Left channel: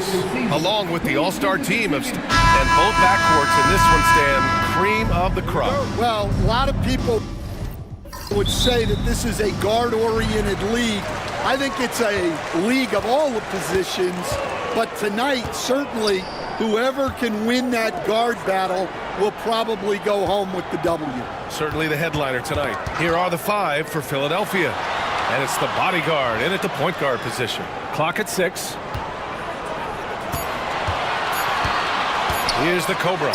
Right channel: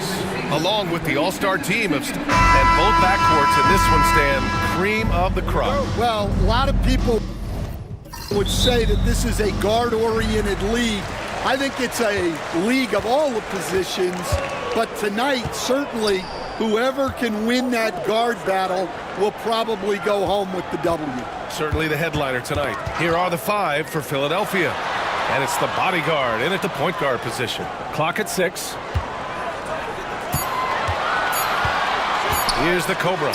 points, along with the all-star team of and both backcourts in this one stand cream of the crop. Well, a lot of people would say that this is a guard-oriented league. I think it's a league of all the positions, but tonight, certainly, whoever can win that guard battle will probably go home with the W. Certainly the headliner tonight. Here are the 5 for Philadelphia. And it's the bodyguard in at the point guard position. Clock at 6. Here's the Cobra.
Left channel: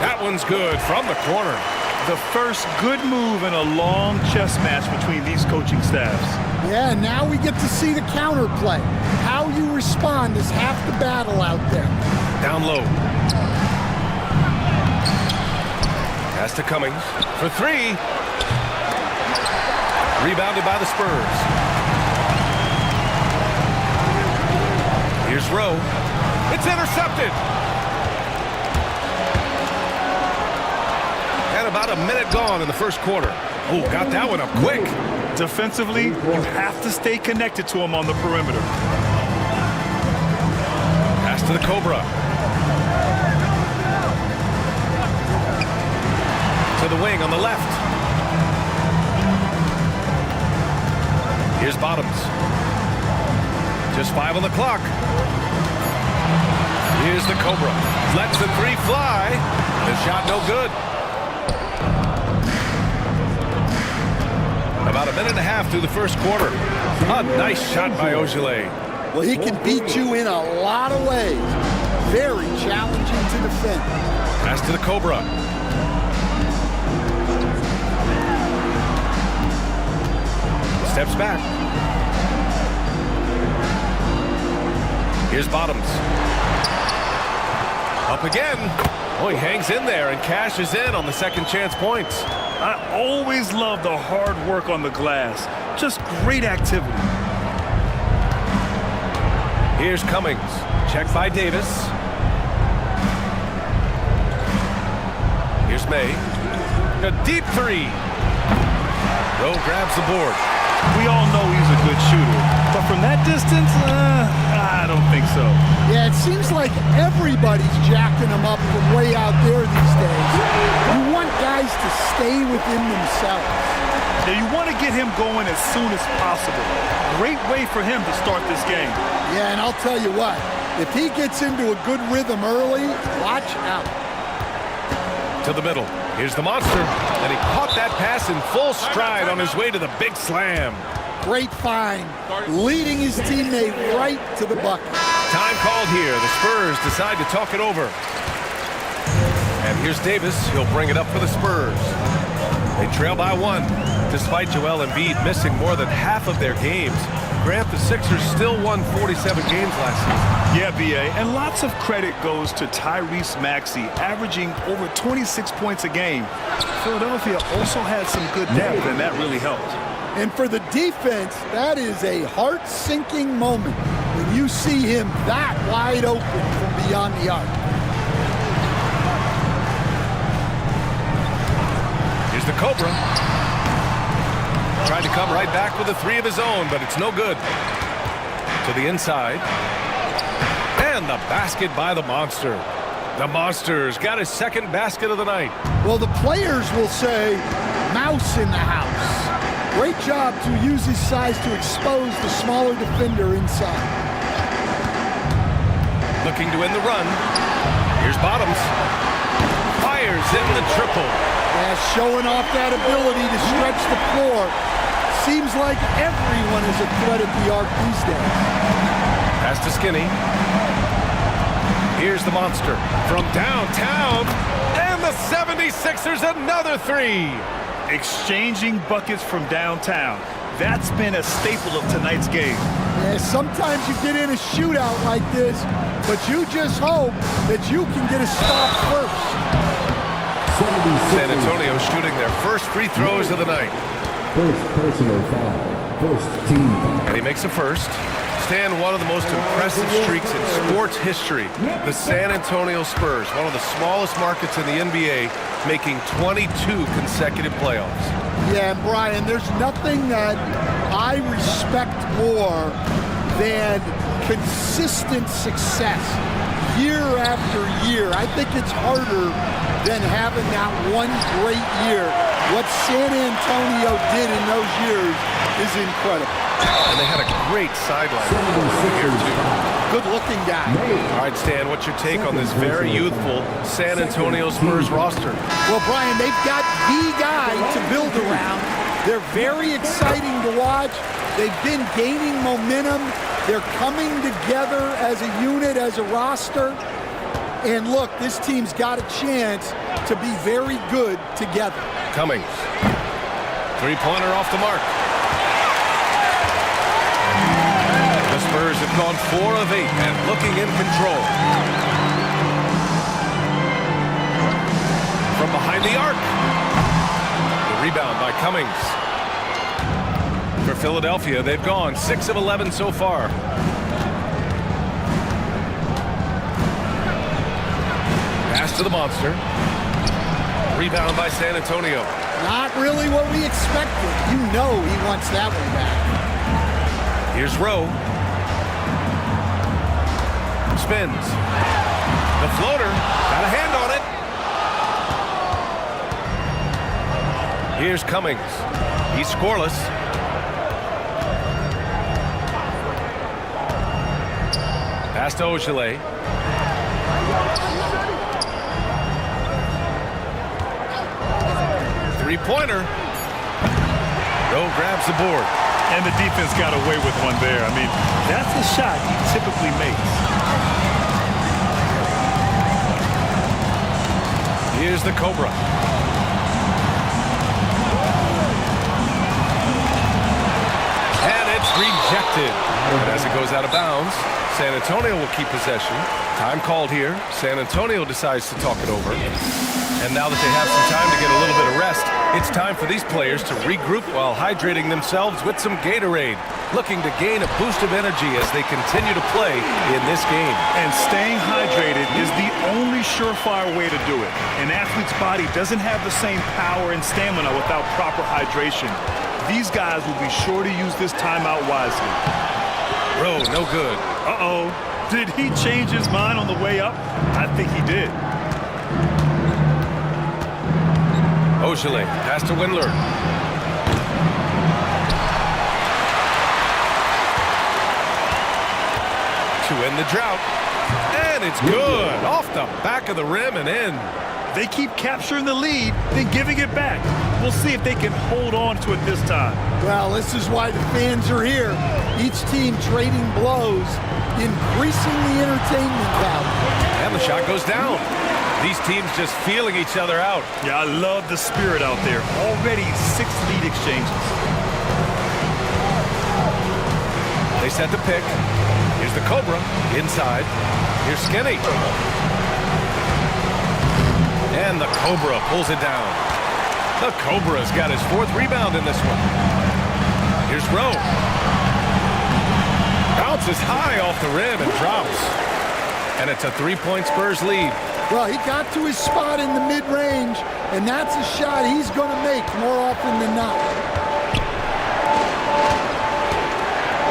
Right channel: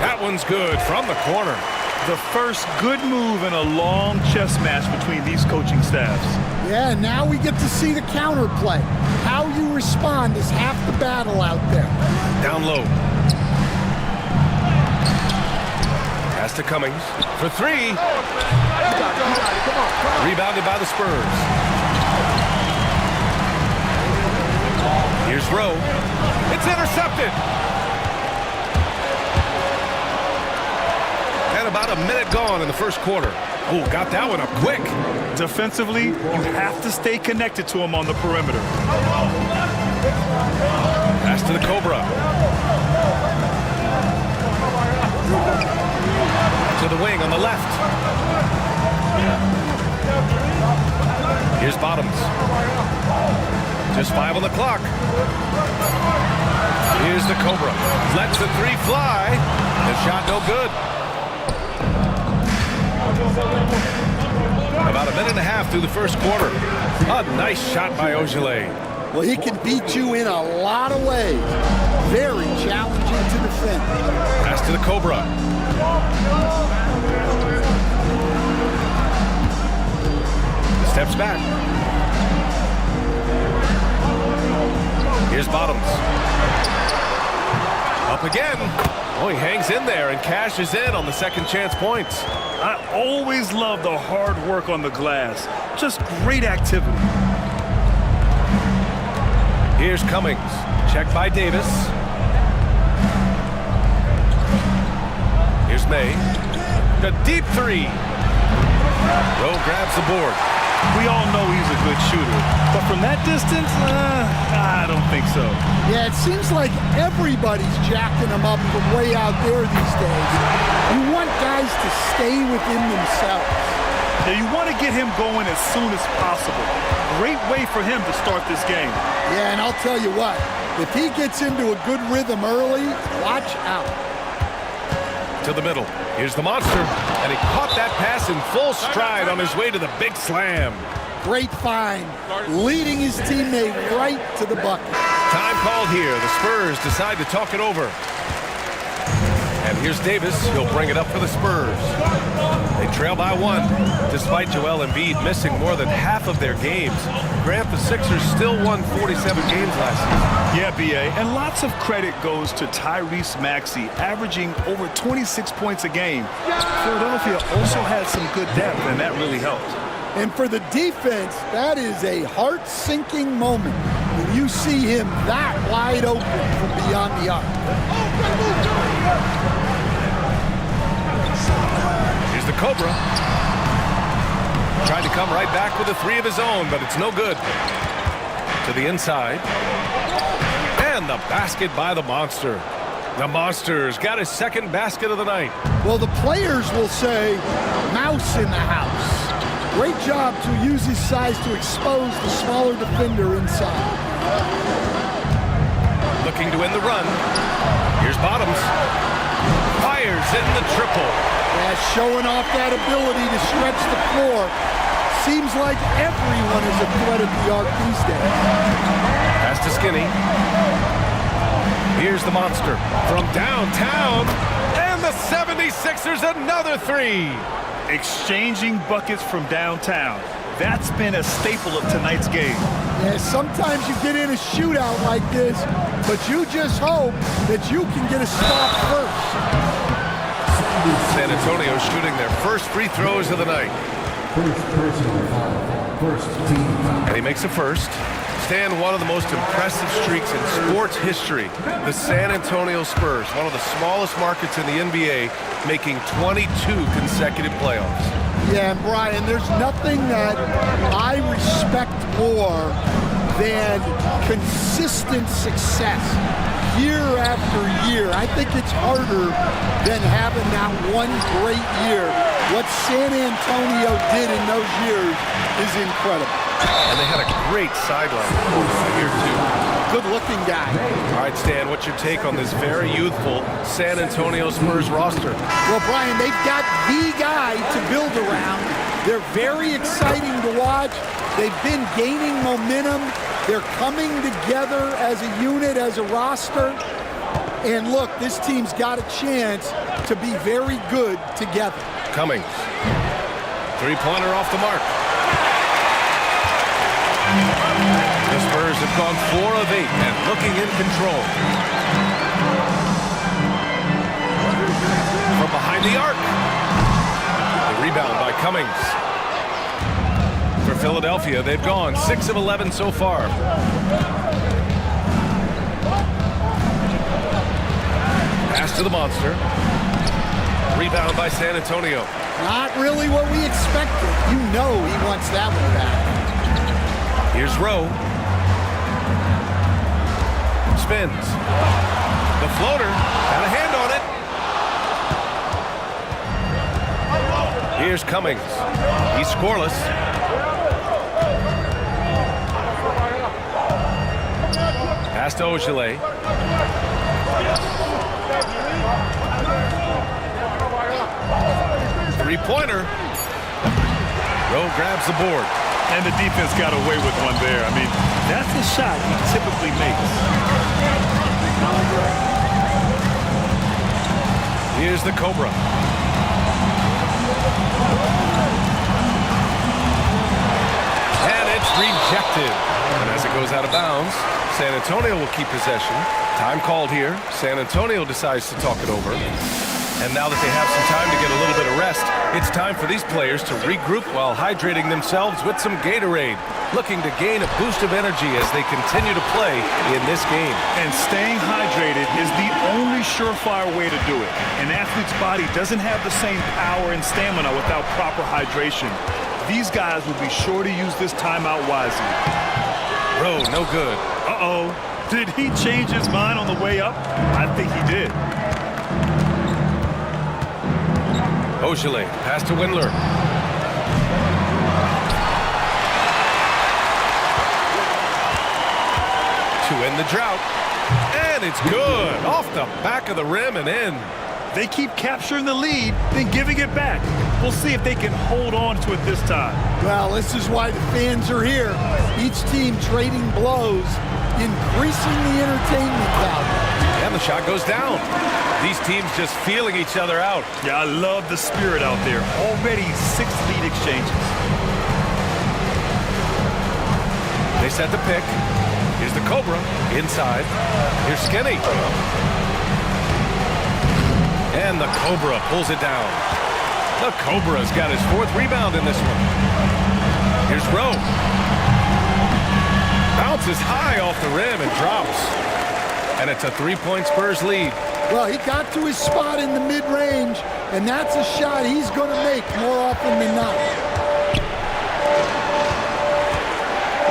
That one's good from the corner. The first good move in a long chess match between these coaching staffs. Yeah, now we get to see the counterplay. How you respond is half the battle out there. Down low. Pass to Cummings for 3. Rebounded by the Spurs. Here's Rowe. It's intercepted. And about a minute gone in the first quarter. Oh, got that one up quick. Defensively, you have to stay connected to him on the perimeter. Pass to the Cobra. To the wing on the left. Here's Bottoms. Just 5 on the clock. Here's the Cobra. Lets the 3 fly. The shot no good. About a minute and a half through the first quarter. A nice shot by Ogilvy. Well, he can beat you in a lot of ways. Very challenging to defend. Pass to the Cobra. Steps back. Here's Bottoms. Up again. Oh, he hangs in there and cashes in on the second chance points. I always love the hard work on the glass. Just great activity. Here's Cummings. Checked by Davis. Here's May. A deep 3. Rowe grabs the board. We all know he's a good shooter, but from that distance, I don't think so. Yeah, it seems like everybody's jacking him up from way out there these days. You want guys to stay within themselves. Now, you want to get him going as soon as possible. Great way for him to start this game. Yeah, and I'll tell you what, if he gets into a good rhythm early, watch out. To the middle. Here's the monster. And he caught that pass in full stride on his way to the big slam. Great find. Leading his teammate right to the bucket. Time called here. The Spurs decide to talk it over. And here's Davis. He'll bring it up for the Spurs. They trail by 1. Despite Joel Embiid missing more than half of their games, Grant, the Sixers still won 47 games last season. Yeah, B.A., and lots of credit goes to Tyrese Maxey, averaging over 26 points a game. Philadelphia also had some good depth, and that really helped. And for the defense, that is a heart-sinking moment when you see him that wide open from beyond the arc. Here's the Cobra. Tried to come right back with a 3 of his own, but it's no good. To the inside. And the basket by the Monster. The Monster's got his second basket of the night. Well, the players will say, mouse in the house. Great job to use his size to expose the smaller defender inside. Looking to win the run. Here's Bottoms. Fires in the triple. Yeah, showing off that ability to stretch the floor. Seems like everyone is a threat at the arc these days. Pass to Skinny. Here's the Monster from downtown. And the 76ers another 3. Exchanging buckets from downtown. That's been a staple of tonight's game. Yeah, sometimes you get in a shootout like this, but you just hope that you can get a stop first. San Antonio shooting their first free throws of the night. First personal foul. First team foul. And he makes a first. Stan, one of the most impressive streaks in sports history. The San Antonio Spurs, one of the smallest markets in the NBA, making 22 consecutive playoffs. Yeah, and Brian, there's nothing that I respect more than consistent success year after year. I think it's harder than having that one great year. What San Antonio did in those years is incredible. And they had a great sideline reporter right here, too. Good-looking guy. All right, Stan, what's your take on this very youthful San Antonio Spurs roster? Well, Brian, they've got the guy to build around. They're very exciting to watch. They've been gaining momentum. They're coming together as a unit, as a roster. And look, this team's got a chance to be very good together. Cummings. Three-pointer off the mark. The Spurs have gone 4 of 8 and looking in control. From behind the arc. The rebound by Cummings. For Philadelphia, they've gone 6 of 11 so far. Pass to the monster. Rebound by San Antonio. Not really what we expected. You know he wants that one back. Here's Rowe. Spins. The floater. Got a hand on it. Here's Cummings. He's scoreless. Pass to Ogilvy. Three-pointer. Rowe grabs the board. And the defense got away with one there. I mean, that's the shot he typically makes. Here's the Cobra. And it's rejected. And as it goes out of bounds, San Antonio will keep possession. Time called here. San Antonio decides to talk it over. And now that they have some time to get a little bit of rest, it's time for these players to regroup while hydrating themselves with some Gatorade, looking to gain a boost of energy as they continue to play in this game. And staying hydrated is the only surefire way to do it. An athlete's body doesn't have the same power and stamina without proper hydration. These guys will be sure to use this timeout wisely. Rowe, no good. Uh-oh. Did he change his mind on the way up? I think he did. Ogilvy, pass to Windler. To end the drought. And it's good. Off the back of the rim and in. They keep capturing the lead, then giving it back. We'll see if they can hold on to it this time. Well, this is why the fans are here. Each team trading blows, increasing the entertainment value. And the shot goes down. These teams just feeling each other out. Yeah, I love the spirit out there. Already 6 lead exchanges. They set the pick. Here's the Cobra inside. Here's Skinny. And the Cobra pulls it down. The Cobra's got his 4th rebound in this one. Here's Rowe. Bounces high off the rim and drops. And it's a 3-point Spurs lead. Well, he got to his spot in the mid-range, and that's a shot he's going to make more often than not.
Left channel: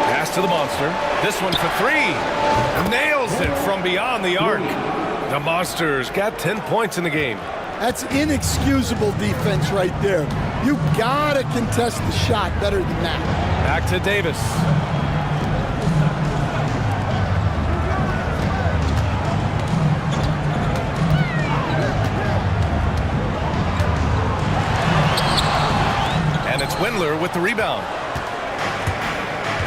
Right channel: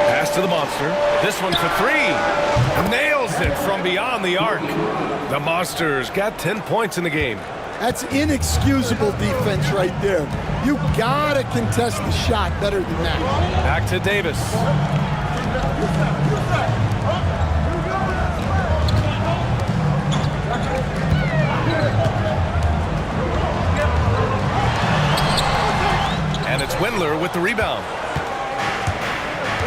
Pass to the monster. This one for 3. Nails it from beyond the arc. The Monsters got 10 points in the game. That's inexcusable defense right there. You got to contest the shot better than that. Back to Davis. And it's Windler with the rebound.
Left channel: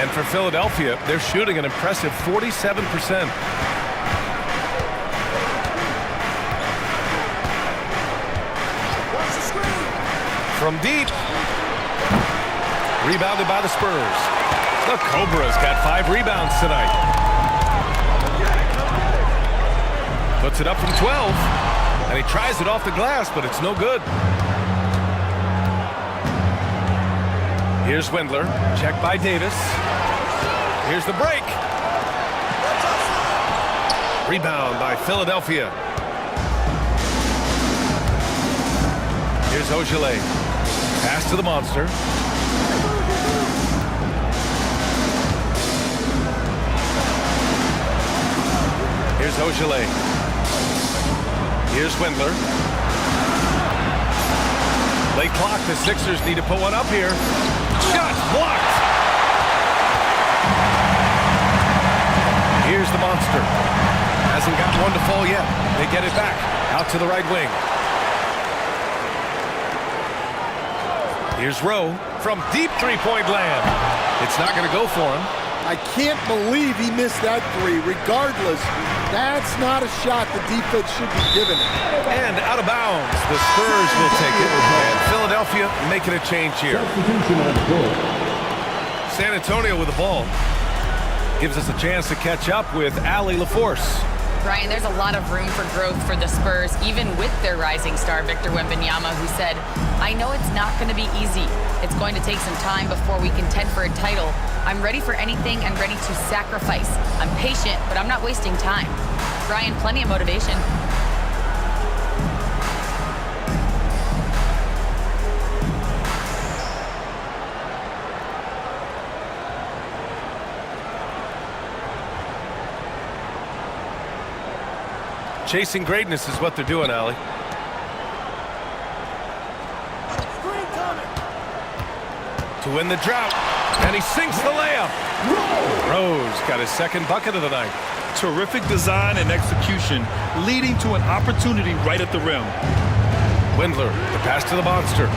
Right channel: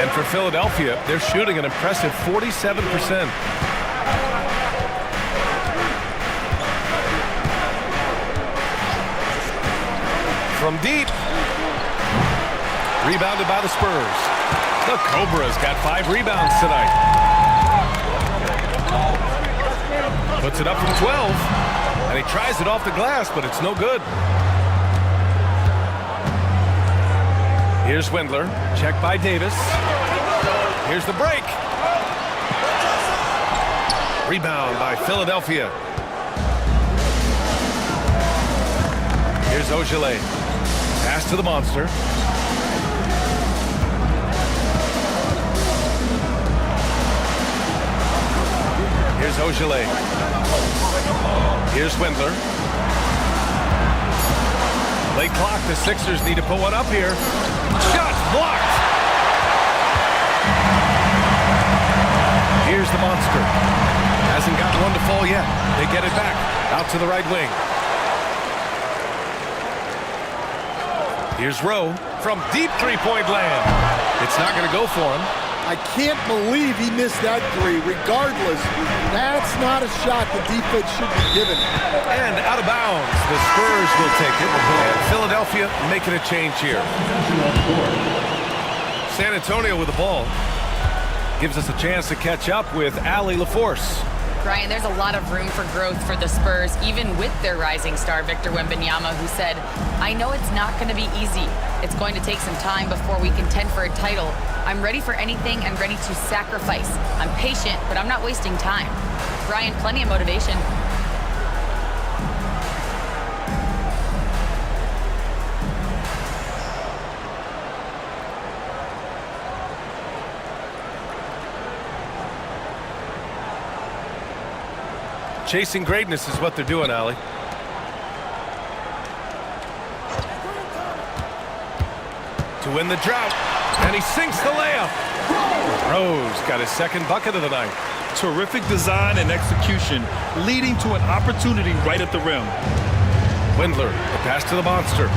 And for Philadelphia, they're shooting an impressive 47%. From deep. Rebounded by the Spurs. The Cobras got 5 rebounds tonight. Puts it up from 12. And he tries it off the glass, but it's no good. Here's Windler. Checked by Davis. Here's the break. Rebound by Philadelphia. Here's Ogilvy. Pass to the monster. Here's Ogilvy. Here's Windler. Late clock, the Sixers need to put one up here. Shots blocked. Here's the monster. Hasn't got one to fall yet. They get it back out to the right wing. Here's Rowe from deep three-point land. It's not going to go for him. I can't believe he missed that three. Regardless, that's not a shot the defense should be giving it. And out of bounds, the Spurs will take it. And Philadelphia making a change here. San Antonio with the ball. Gives us a chance to catch up with Allie LaForce. Brian, there's a lot of room for growth for the Spurs, even with their rising star, Victor Wembanyama, who said, I know it's not going to be easy. It's going to take some time before we contend for a title. I'm ready for anything and ready to sacrifice. I'm patient, but I'm not wasting time. Brian, plenty of motivation. Chasing greatness is what they're doing, Allie. To win the drought, and he sinks the layup. Rose got his second bucket of the night. Terrific design and execution, leading to an opportunity right at the rim. Windler, the pass to the monster.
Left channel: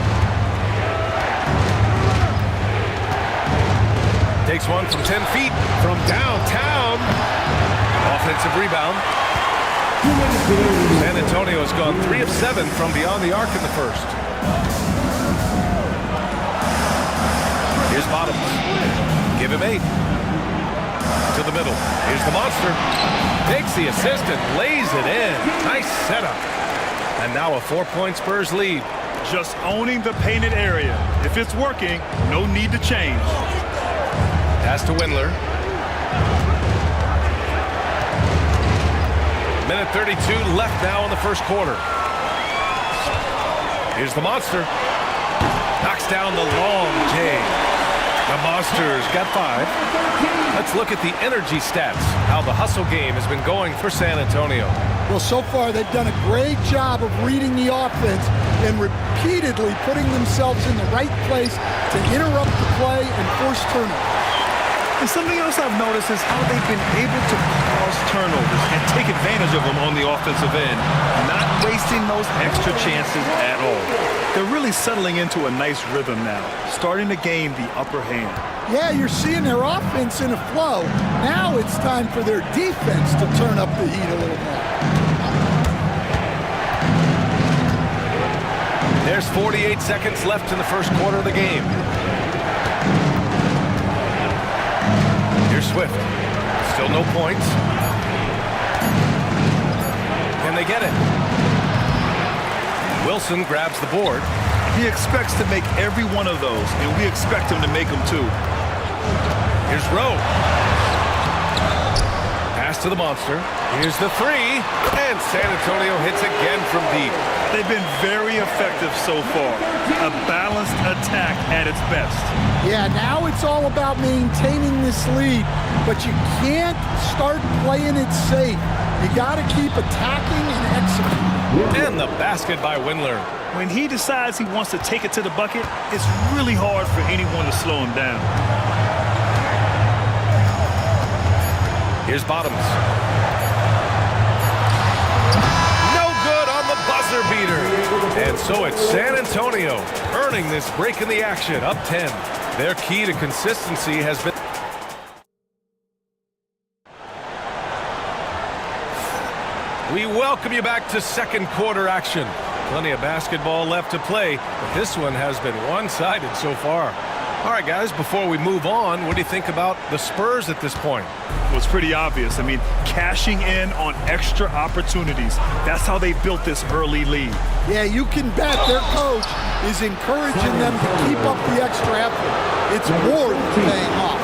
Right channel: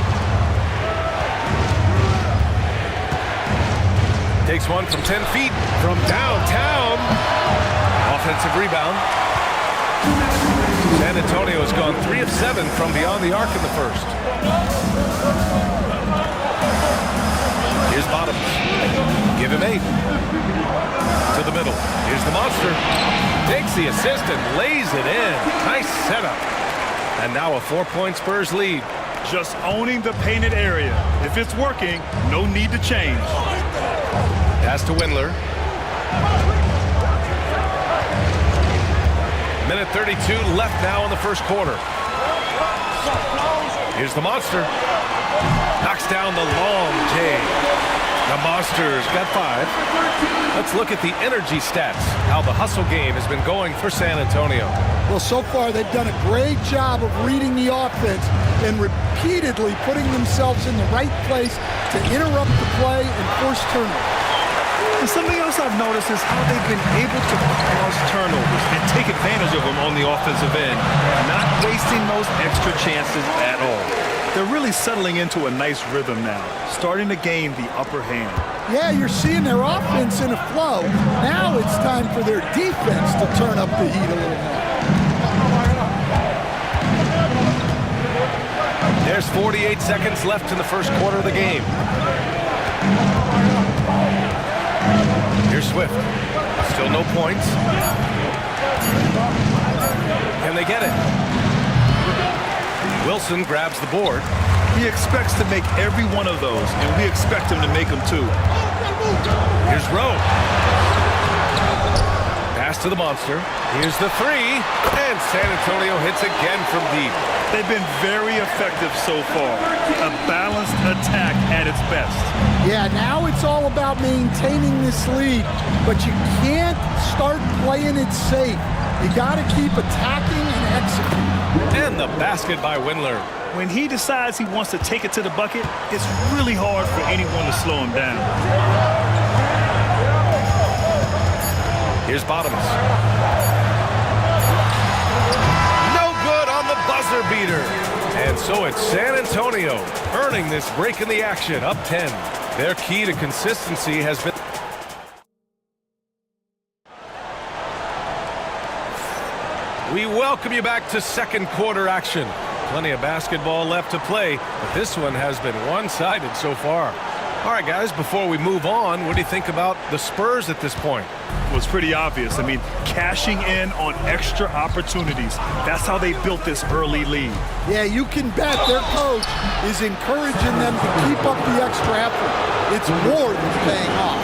Takes one from 10 feet from downtown. Offensive rebound. San Antonio has gone 3 of 7 from beyond the arc in the first. Here's Bottoms. Give him 8. To the middle. Here's the monster. Takes the assist and lays it in. Nice setup. And now a 4-point Spurs lead. Just owning the painted area. If it's working, no need to change. Pass to Windler. Minute 32 left now in the first quarter. Here's the monster. Knocks down the long J. The Monsters got 5. Let's look at the energy stats, how the hustle game has been going for San Antonio. Well, so far they've done a great job of reading the offense and repeatedly putting themselves in the right place to interrupt the play and force turnovers. And something else I've noticed is how they've been able to cause turnovers and take advantage of them on the offensive end, not wasting those extra chances at all. They're really settling into a nice rhythm now, starting to gain the upper hand. Yeah, you're seeing their offense in a flow. Now it's time for their defense to turn up the heat a little more. There's 48 seconds left in the first quarter of the game. Here's Swift. Still no points. Can they get it? Wilson grabs the board. He expects to make every one of those, and we expect him to make them too. Here's Rowe. Pass to the monster. Here's the 3. And San Antonio hits again from deep. They've been very effective so far. A balanced attack at its best. Yeah, now it's all about maintaining this lead, but you can't start playing it safe. You got to keep attacking and executing. And the basket by Windler. When he decides he wants to take it to the bucket, it's really hard for anyone to slow him down. Here's Bottoms. No good on the buzzer beater. And so it's San Antonio earning this break in the action, up 10. Their key to consistency has been... We welcome you back to second quarter action. Plenty of basketball left to play, but this one has been one-sided so far. All right, guys, before we move on, what do you think about the Spurs at this point? Well, it's pretty obvious. I mean, cashing in on extra opportunities. That's how they built this early lead. Yeah, you can bet their coach is encouraging them to keep up the extra effort. It's more than paying off.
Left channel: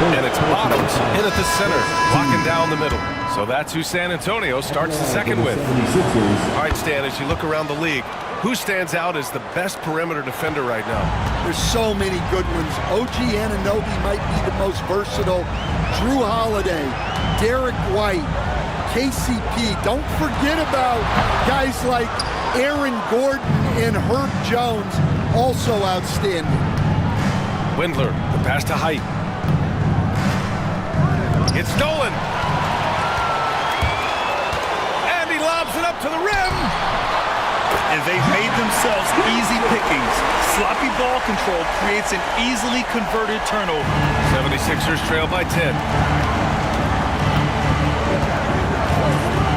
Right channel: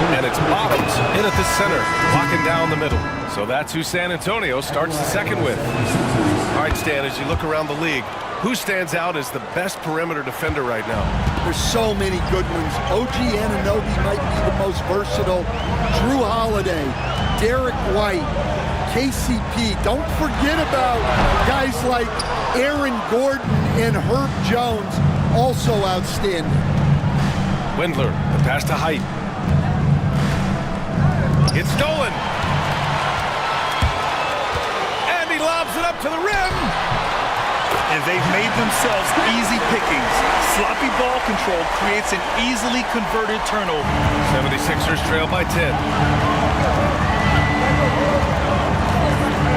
And it's Bottoms in at the center, locking down the middle. So that's who San Antonio starts the second with. All right, Stan, as you look around the league, who stands out as the best perimeter defender right now? There's so many good ones. OG Anunoby might be the most versatile. Drew Holiday, Derek White, KCP. Don't forget about guys like Aaron Gordon and Herb Jones, also outstanding. Windler, the pass to Height. It's stolen. And he lobs it up to the rim. And they've made themselves easy pickings. Sloppy ball control creates an easily converted turnover. 76ers trail by 10.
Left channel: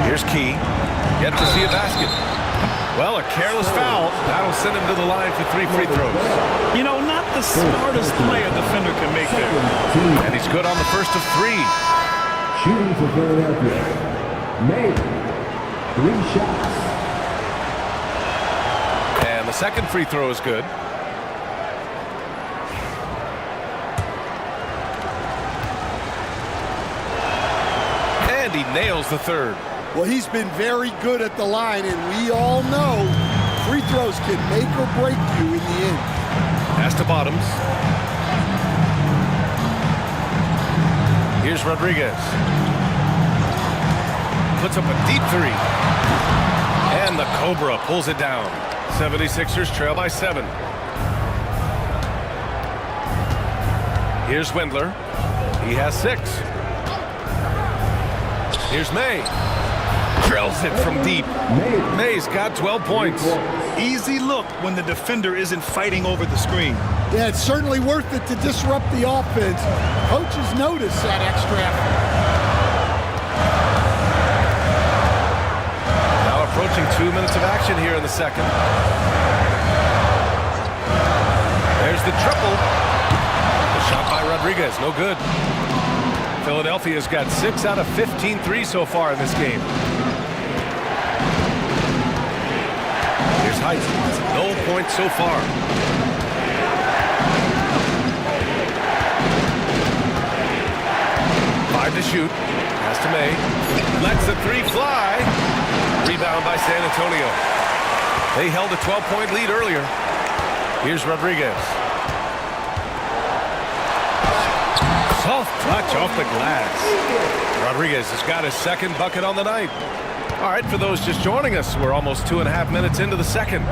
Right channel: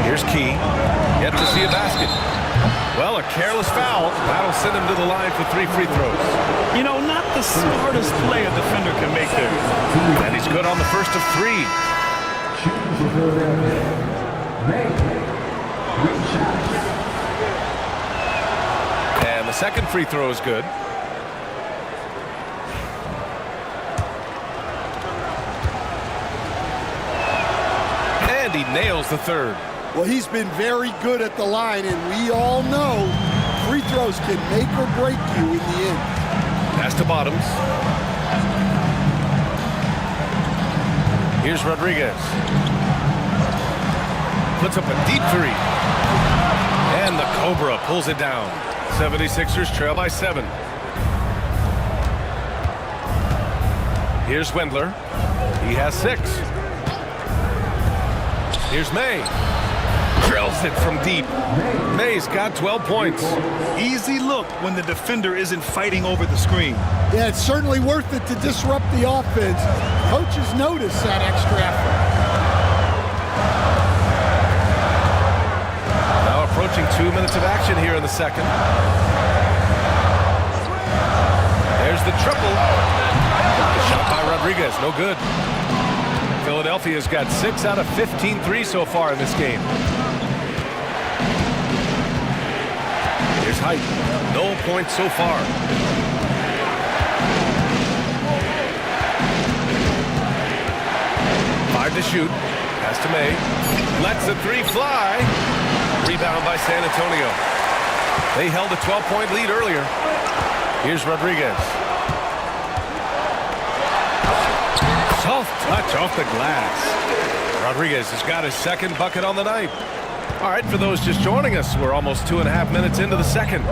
Here's Key. Yet to see a basket. Well, a careless foul. That'll send him to the line for 3 free throws. You know, not the smartest play a defender can make there. And he's good on the first of 3. Shooting for Philadelphia. May. 3 shots. And the second free throw is good. And he nails the third. Well, he's been very good at the line, and we all know free throws can make or break you in the end. Pass to Bottoms. Here's Rodriguez. Puts up a deep 3. And the Cobra pulls it down. 76ers trail by 7. Here's Windler. He has 6. Here's May. Drills it from deep. May's got 12 points. Easy look when the defender isn't fighting over the screen. Yeah, it's certainly worth it to disrupt the offense. Coaches notice that extra effort. Now approaching 2 minutes of action here in the second. There's the triple. The shot by Rodriguez, no good. Philadelphia's got 6 out of 15 threes so far in this game. Here's Height. No points so far. Five to shoot. Pass to May. Lets the 3 fly. Rebound by San Antonio. They held a 12-point lead earlier. Here's Rodriguez. Soft touch off the glass. Rodriguez has got his second bucket on the night. All right, for those just joining us, we're almost 2.5 minutes into the second.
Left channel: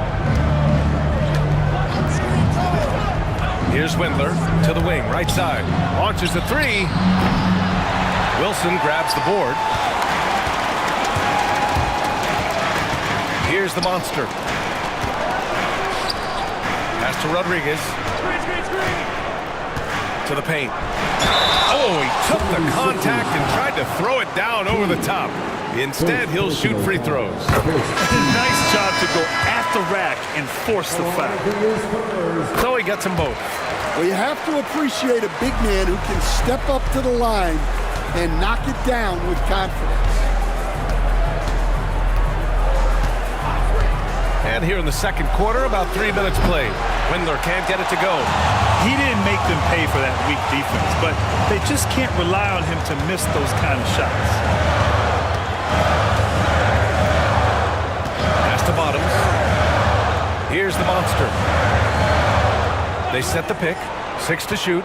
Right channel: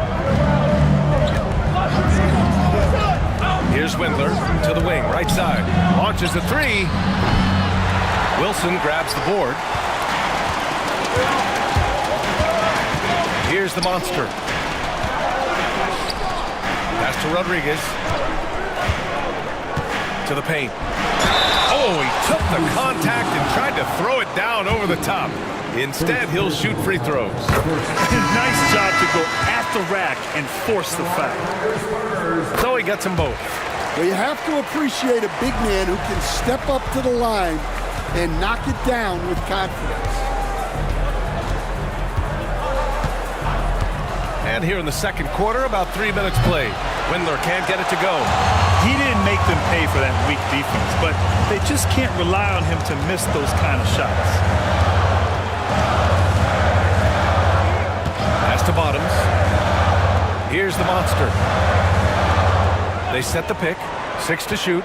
Here's Windler to the wing, right side. Launches the 3. Wilson grabs the board. Here's the monster. Pass to Rodriguez. To the paint. Oh, he took the contact and tried to throw it down over the top. Instead, he'll shoot free throws. Nice job to go at the rack and force the foul. So he gets them both. Well, you have to appreciate a big man who can step up to the line and knock it down with confidence. And here in the second quarter, about 3 minutes played. Windler can't get it to go. He didn't make them pay for that weak defense, but they just can't rely on him to miss those kind of shots. Pass to Bottoms. Here's the monster. They set the pick. 6 to shoot.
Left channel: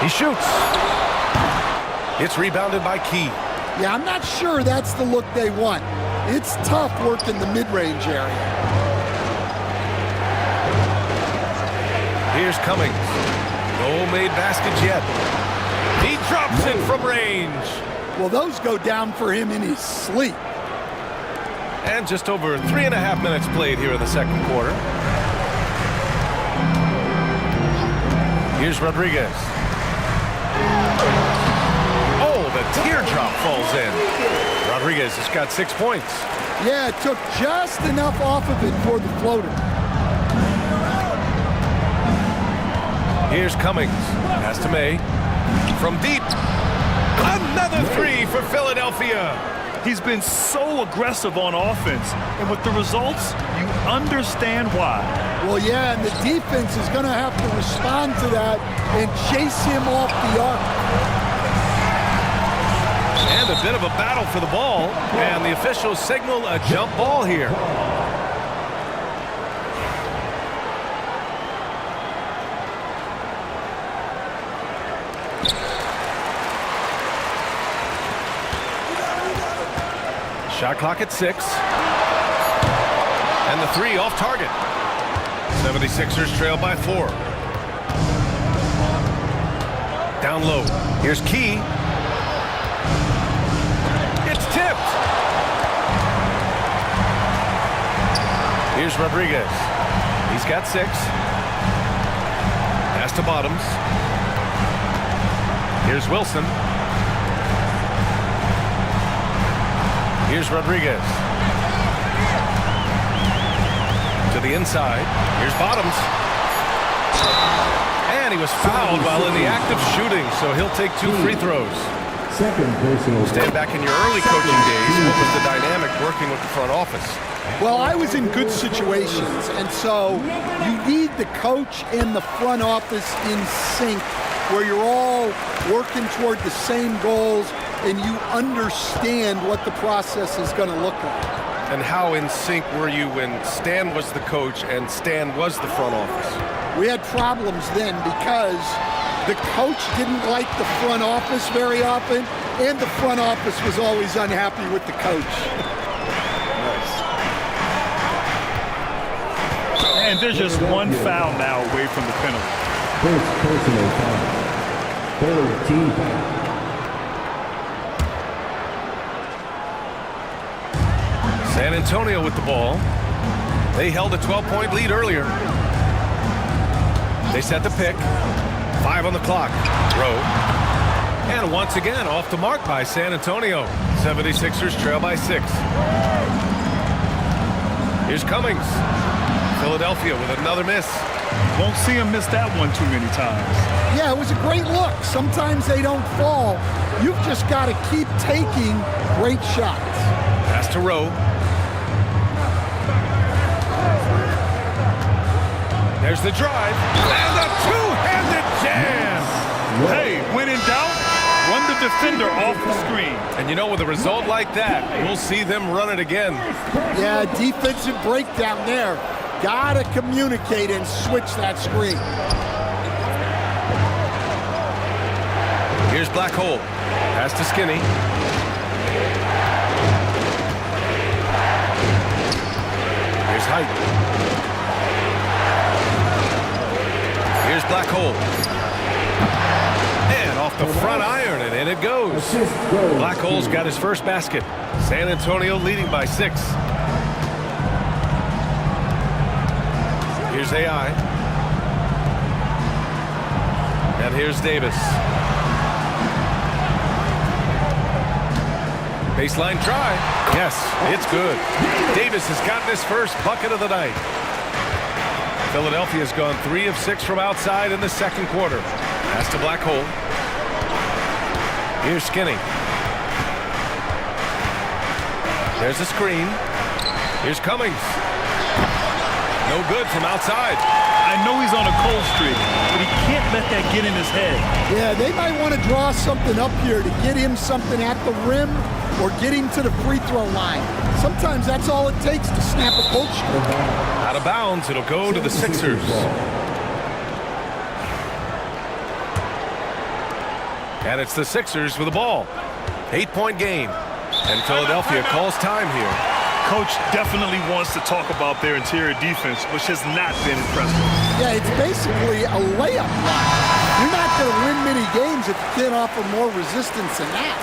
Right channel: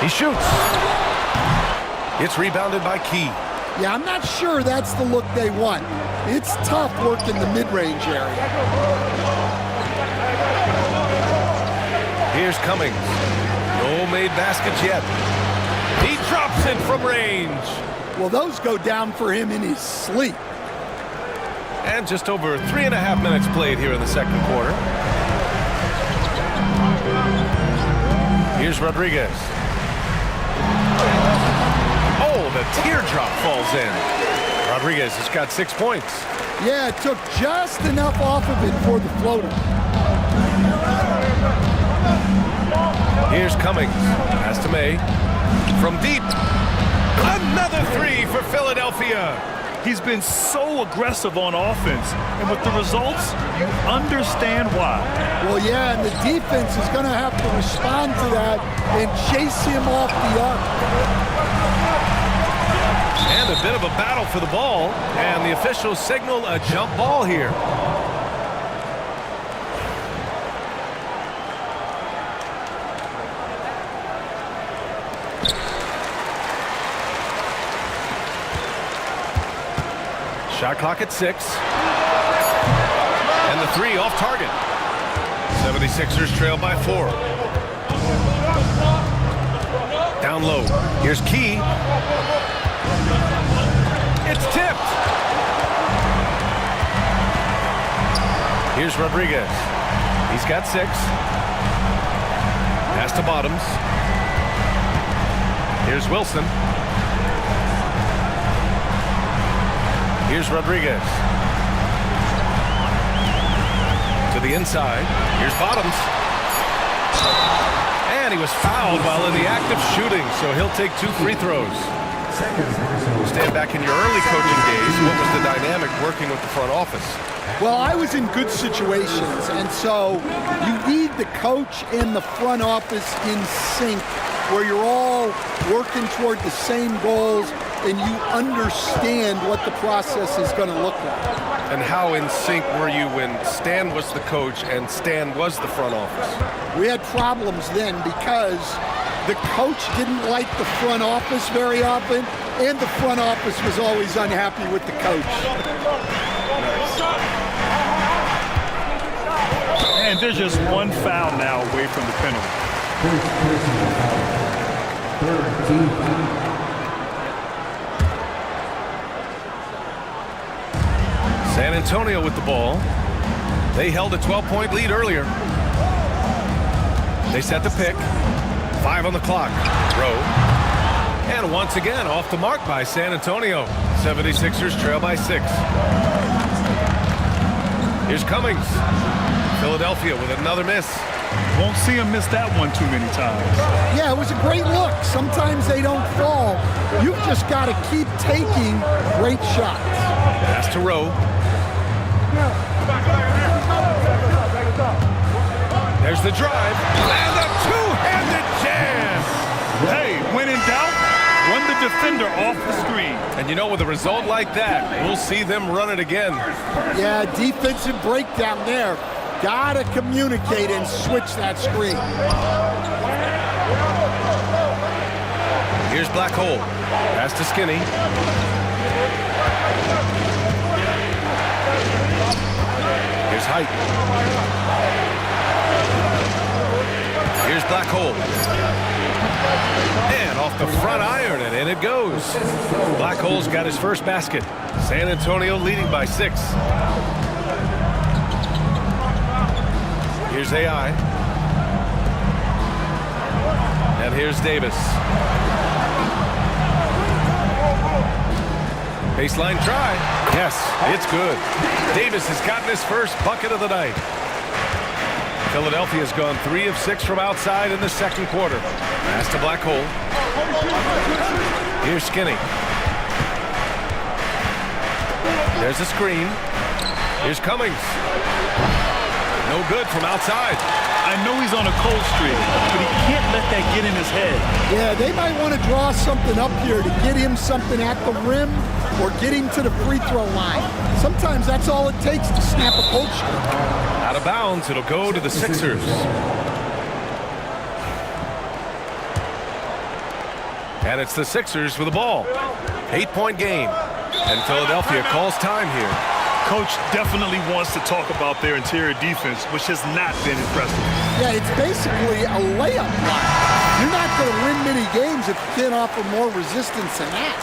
He shoots. It's rebounded by Key. Yeah, I'm not sure that's the look they want. It's tough work in the mid-range area. Here's Cummings. No made baskets yet. He drops it from range. Well, those go down for him in his sleep. And just over 3.5 minutes played here in the second quarter. Here's Rodriguez. Oh, the teardrop falls in. Rodriguez has got 6 points. Yeah, it took just enough off of it for the floater. Here's Cummings. Pass to May. From deep. Another 3 for Philadelphia. He's been so aggressive on offense, and with the results, you understand why. Well, yeah, and the defense is going to have to respond to that and chase him off the arc. And a bit of a battle for the ball, and the officials signal a jump ball here. Shot clock at 6. And the 3 off target. 76ers trail by 4. Down low. Here's Key. It's tipped. Here's Rodriguez. He's got 6. Pass to Bottoms. Here's Wilson. Here's Rodriguez. To the inside. Here's Bottoms. And he was fouled while in the act of shooting, so he'll take 2 free throws. Second personal. Stand back in your early coaching days. What was the dynamic working with the front office? Well, I was in good situations, and so you need the coach and the front office in sync, where you're all working toward the same goals and you understand what the process is going to look like. And how in sync were you when Stan was the coach and Stan was the front office? We had problems then because the coach didn't like the front office very often, and the front office was always unhappy with the coach. And there's just one foul now away from the penalty. First personal foul. Third team foul. San Antonio with the ball. They held a 12-point lead earlier. They set the pick. 5 on the clock. Rowe. And once again off the mark by San Antonio. 76ers trail by 6. Here's Cummings. Philadelphia with another miss. Won't see him miss that one too many times. Yeah, it was a great look. Sometimes they don't fall. You've just got to keep taking great shots. Pass to Rowe. There's the drive. And a two-handed jam. Hey, when in doubt, run the defender off the screen. And you know, with a result like that, we'll see them run it again. Yeah, defensive breakdown there. Gotta communicate and switch that screen. Here's Black Hole. Pass to Skinny. Here's Height. Here's Black Hole. And off the front iron, and in it goes. Black Hole's got his first basket. San Antonio leading by 6. Here's AI. And here's Davis. Baseline try. Yes, it's good. Davis has gotten his first bucket of the night. Philadelphia's gone 3 of 6 from outside in the second quarter. Pass to Black Hole. Here's Skinny. There's a screen. Here's Cummings. No good from outside. I know he's on a cold streak, but he can't let that get in his head. Yeah, they might want to draw something up here to get him something at the rim or get him to the free throw line. Sometimes that's all it takes to snap a cold streak. Out of bounds, it'll go to the Sixers. And it's the Sixers with the ball. 8-point game. And Philadelphia calls time here. Coach definitely wants to talk about their interior defense, which has not been impressive. Yeah, it's basically a layup line. You're not going to win many games if you can't offer more resistance than that.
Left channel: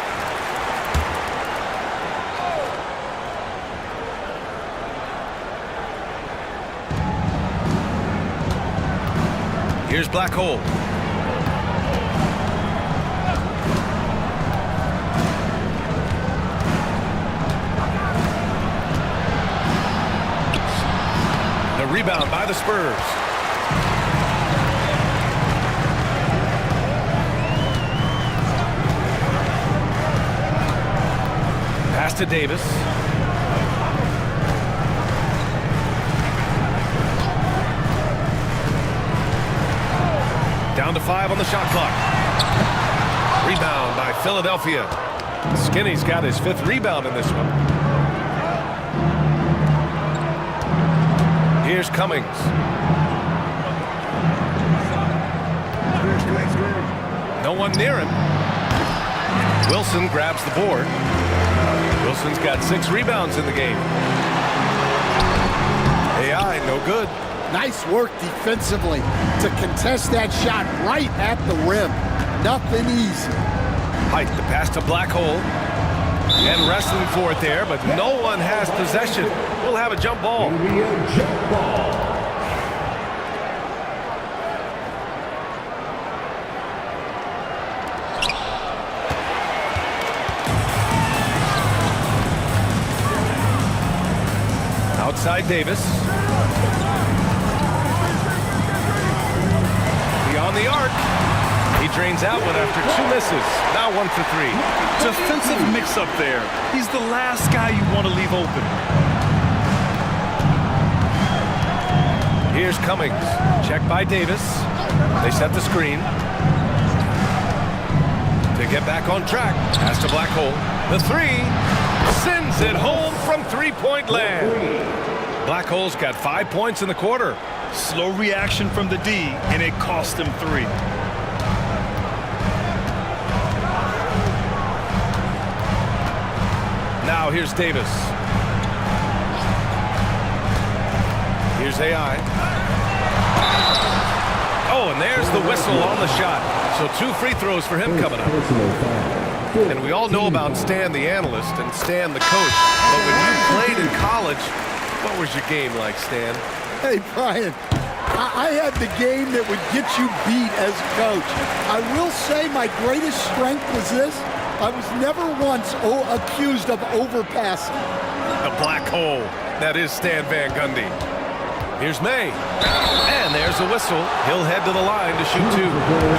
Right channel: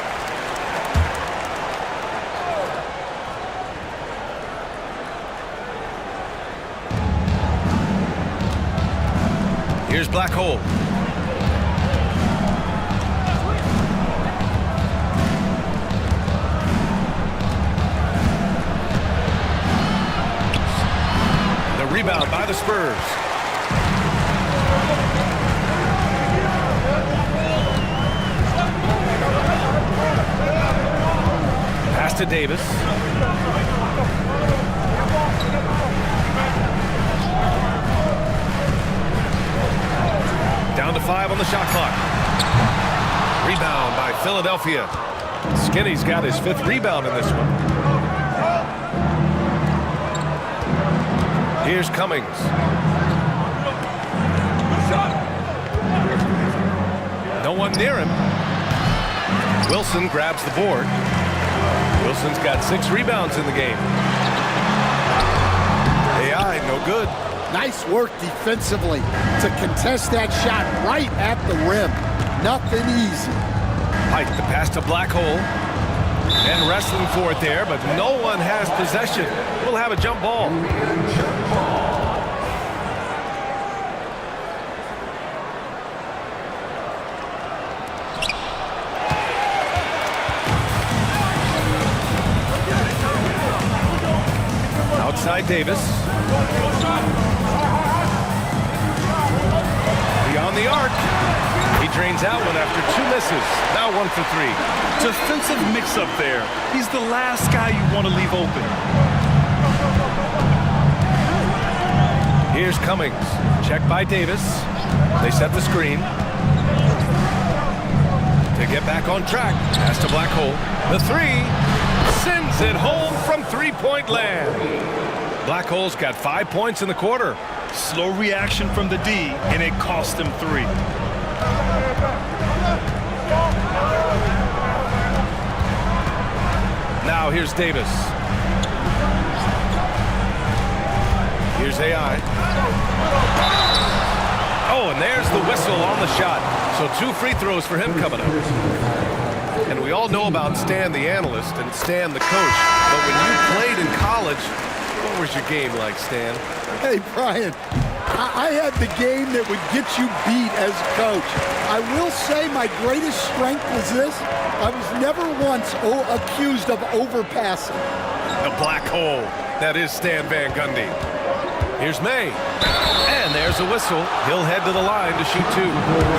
Here's Black Hole. The rebound by the Spurs. Pass to Davis. Down to 5 on the shot clock. Rebound by Philadelphia. Skinny's got his 5th rebound in this one. Here's Cummings. No one near him. Wilson grabs the board. Wilson's got 6 rebounds in the game. AI, no good. Nice work defensively to contest that shot right at the rim. Nothing easy. Pike, the pass to Black Hole. And wrestling for it there, but no one has possession. We'll have a jump ball. Outside Davis. Beyond the arc. He drains out one after 2 misses. Now 1 for 3. Defensive mix-up there. He's the last guy you want to leave open. Here's Cummings. Check by Davis. They set the screen. To get back on track. Pass to Black Hole. The 3. Sends it home from 3-point land. Black Hole's got 5 points in the quarter. Slow reaction from the D, and it cost him 3. Now here's Davis. Here's AI. Oh, and there's the whistle on the shot. So 2 free throws for him coming up. And we all know about Stan the analyst and Stan the coach. But when you played in college, what was your game like, Stan? Hey, Brian, I had the game that would get you beat as a coach. I will say my greatest strength was this. I was never once accused of overpassing. The Black Hole. That is Stan Van Gundy. Here's May. And there's a whistle. He'll head to the line to shoot 2.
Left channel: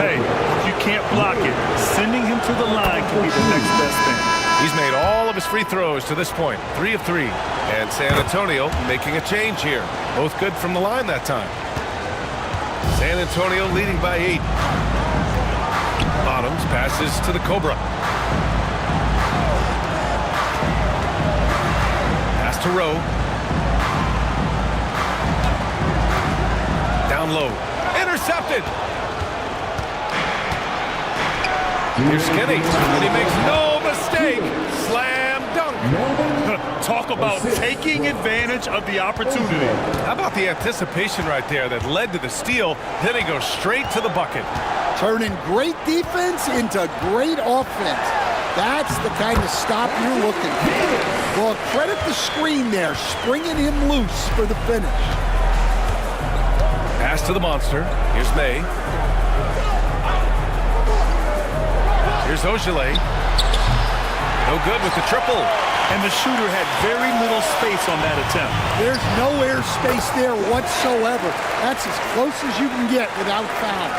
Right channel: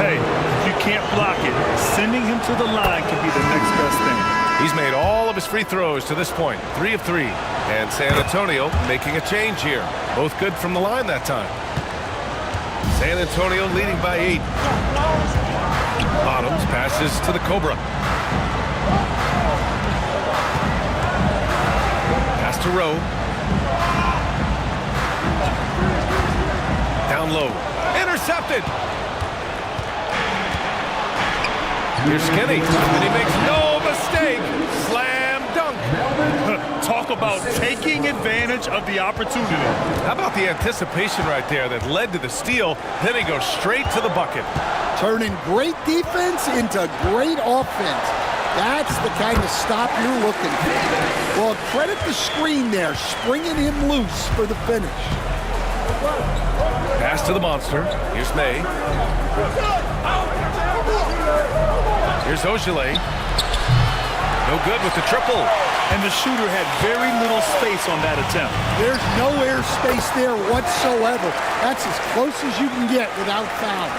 Hey, if you can't block it, sending him to the line can be the next best thing. He's made all of his free throws to this point. 3 of 3. And San Antonio making a change here. Both good from the line that time. San Antonio leading by 8. Bottoms passes to the Cobra. Pass to Rowe. Down low. Intercepted. Here's Skinny. And he makes no mistake. Slam dunk. Talk about taking advantage of the opportunity. How about the anticipation right there that led to the steal? Then he goes straight to the bucket. Turning great defense into great offense. That's the kind of stop you're looking for. Well, credit the screen there, springing him loose for the finish. Pass to the monster. Here's May. Here's Ogilvy. No good with the triple. And the shooter had very little space on that attempt. There's no air space there whatsoever. That's as close as you can get without foul.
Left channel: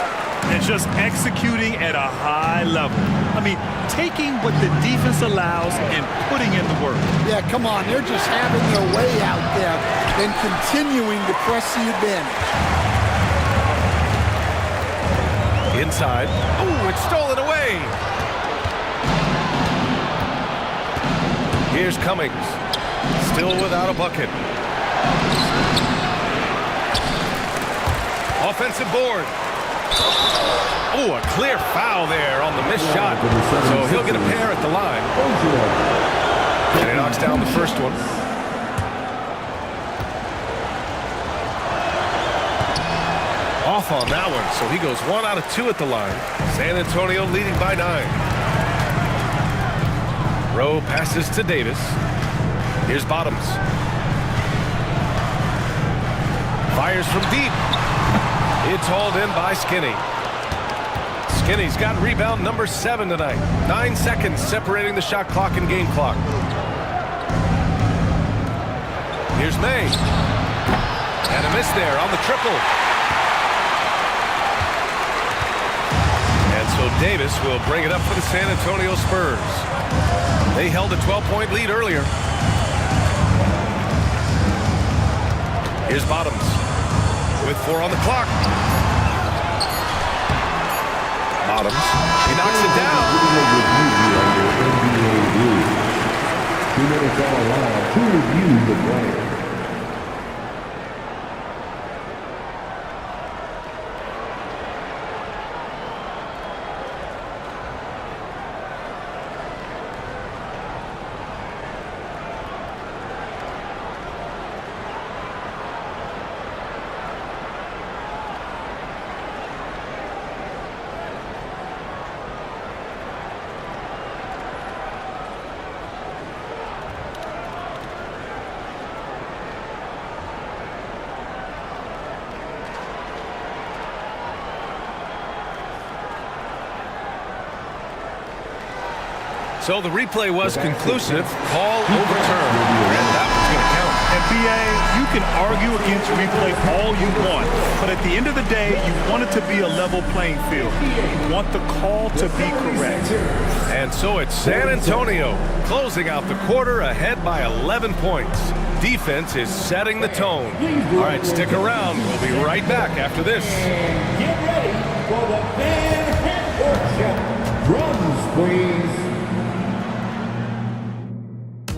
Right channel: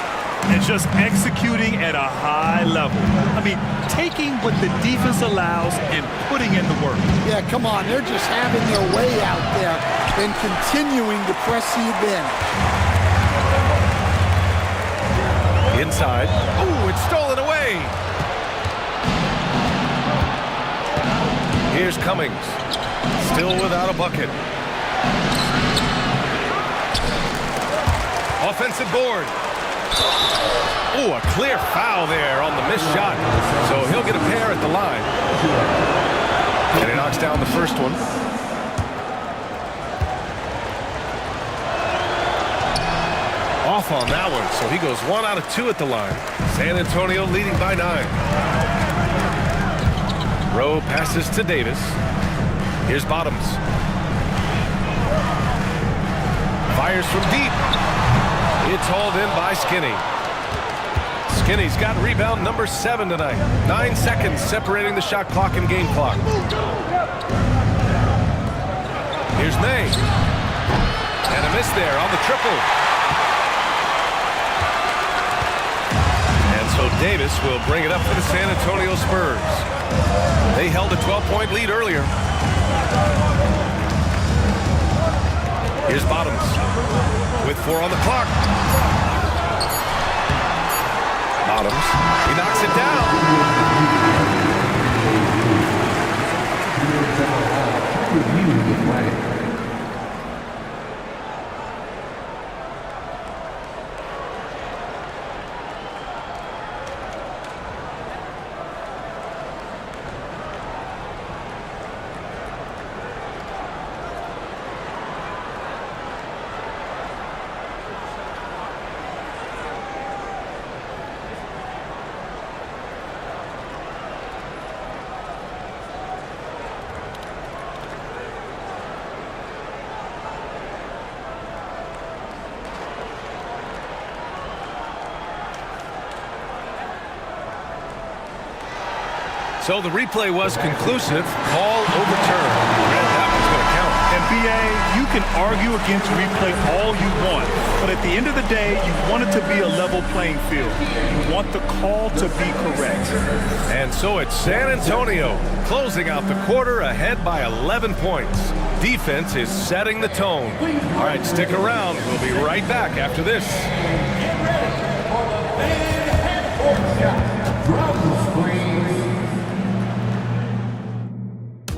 And just executing at a high level. I mean, taking what the defense allows and putting in the work. Yeah, come on. They're just having their way out there and continuing to press the advantage. Inside. Oh, it's stolen away. Here's Cummings. Still without a bucket. Offensive board. Oh, a clear foul there on the missed shot. So he'll get a pair at the line. And he knocks down the first one. Off on that one, so he goes 1 out of 2 at the line. San Antonio leading by 9. Rowe passes to Davis. Here's Bottoms. Fires from deep. It's hauled in by Skinny. Skinny's got rebound number 7 tonight. 9 seconds separating the shot clock and game clock. Here's May. And a miss there on the triple. And so Davis will bring it up for the San Antonio Spurs. They held a 12-point lead earlier. Here's Bottoms with 4 on the clock. Bottoms. He knocks it down. 2 minutes out allowed to review the play. So the replay was conclusive. Call overturned. And that one's going to count. And BA, you can argue against replay all you want, but at the end of the day, you want it to be a level playing field. You want the call to be correct. And so it's San Antonio closing out the quarter ahead by 11 points. Defense is setting the tone. All right, stick around. We'll be right back after this. Get ready for the fan shot. Drums, please.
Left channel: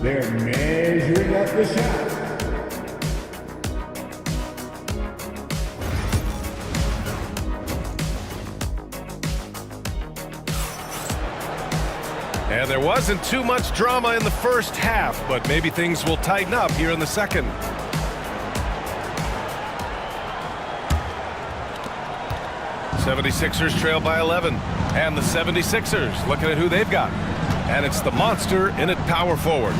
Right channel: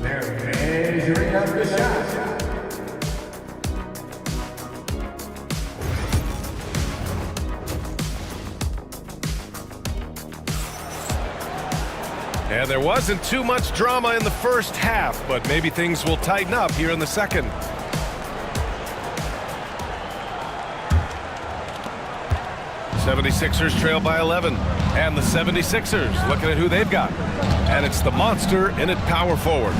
They're measuring up the shot. And there wasn't too much drama in the first half, but maybe things will tighten up here in the second. '76ers trail by 11. And the 76ers looking at who they've got. And it's the monster in at power forward.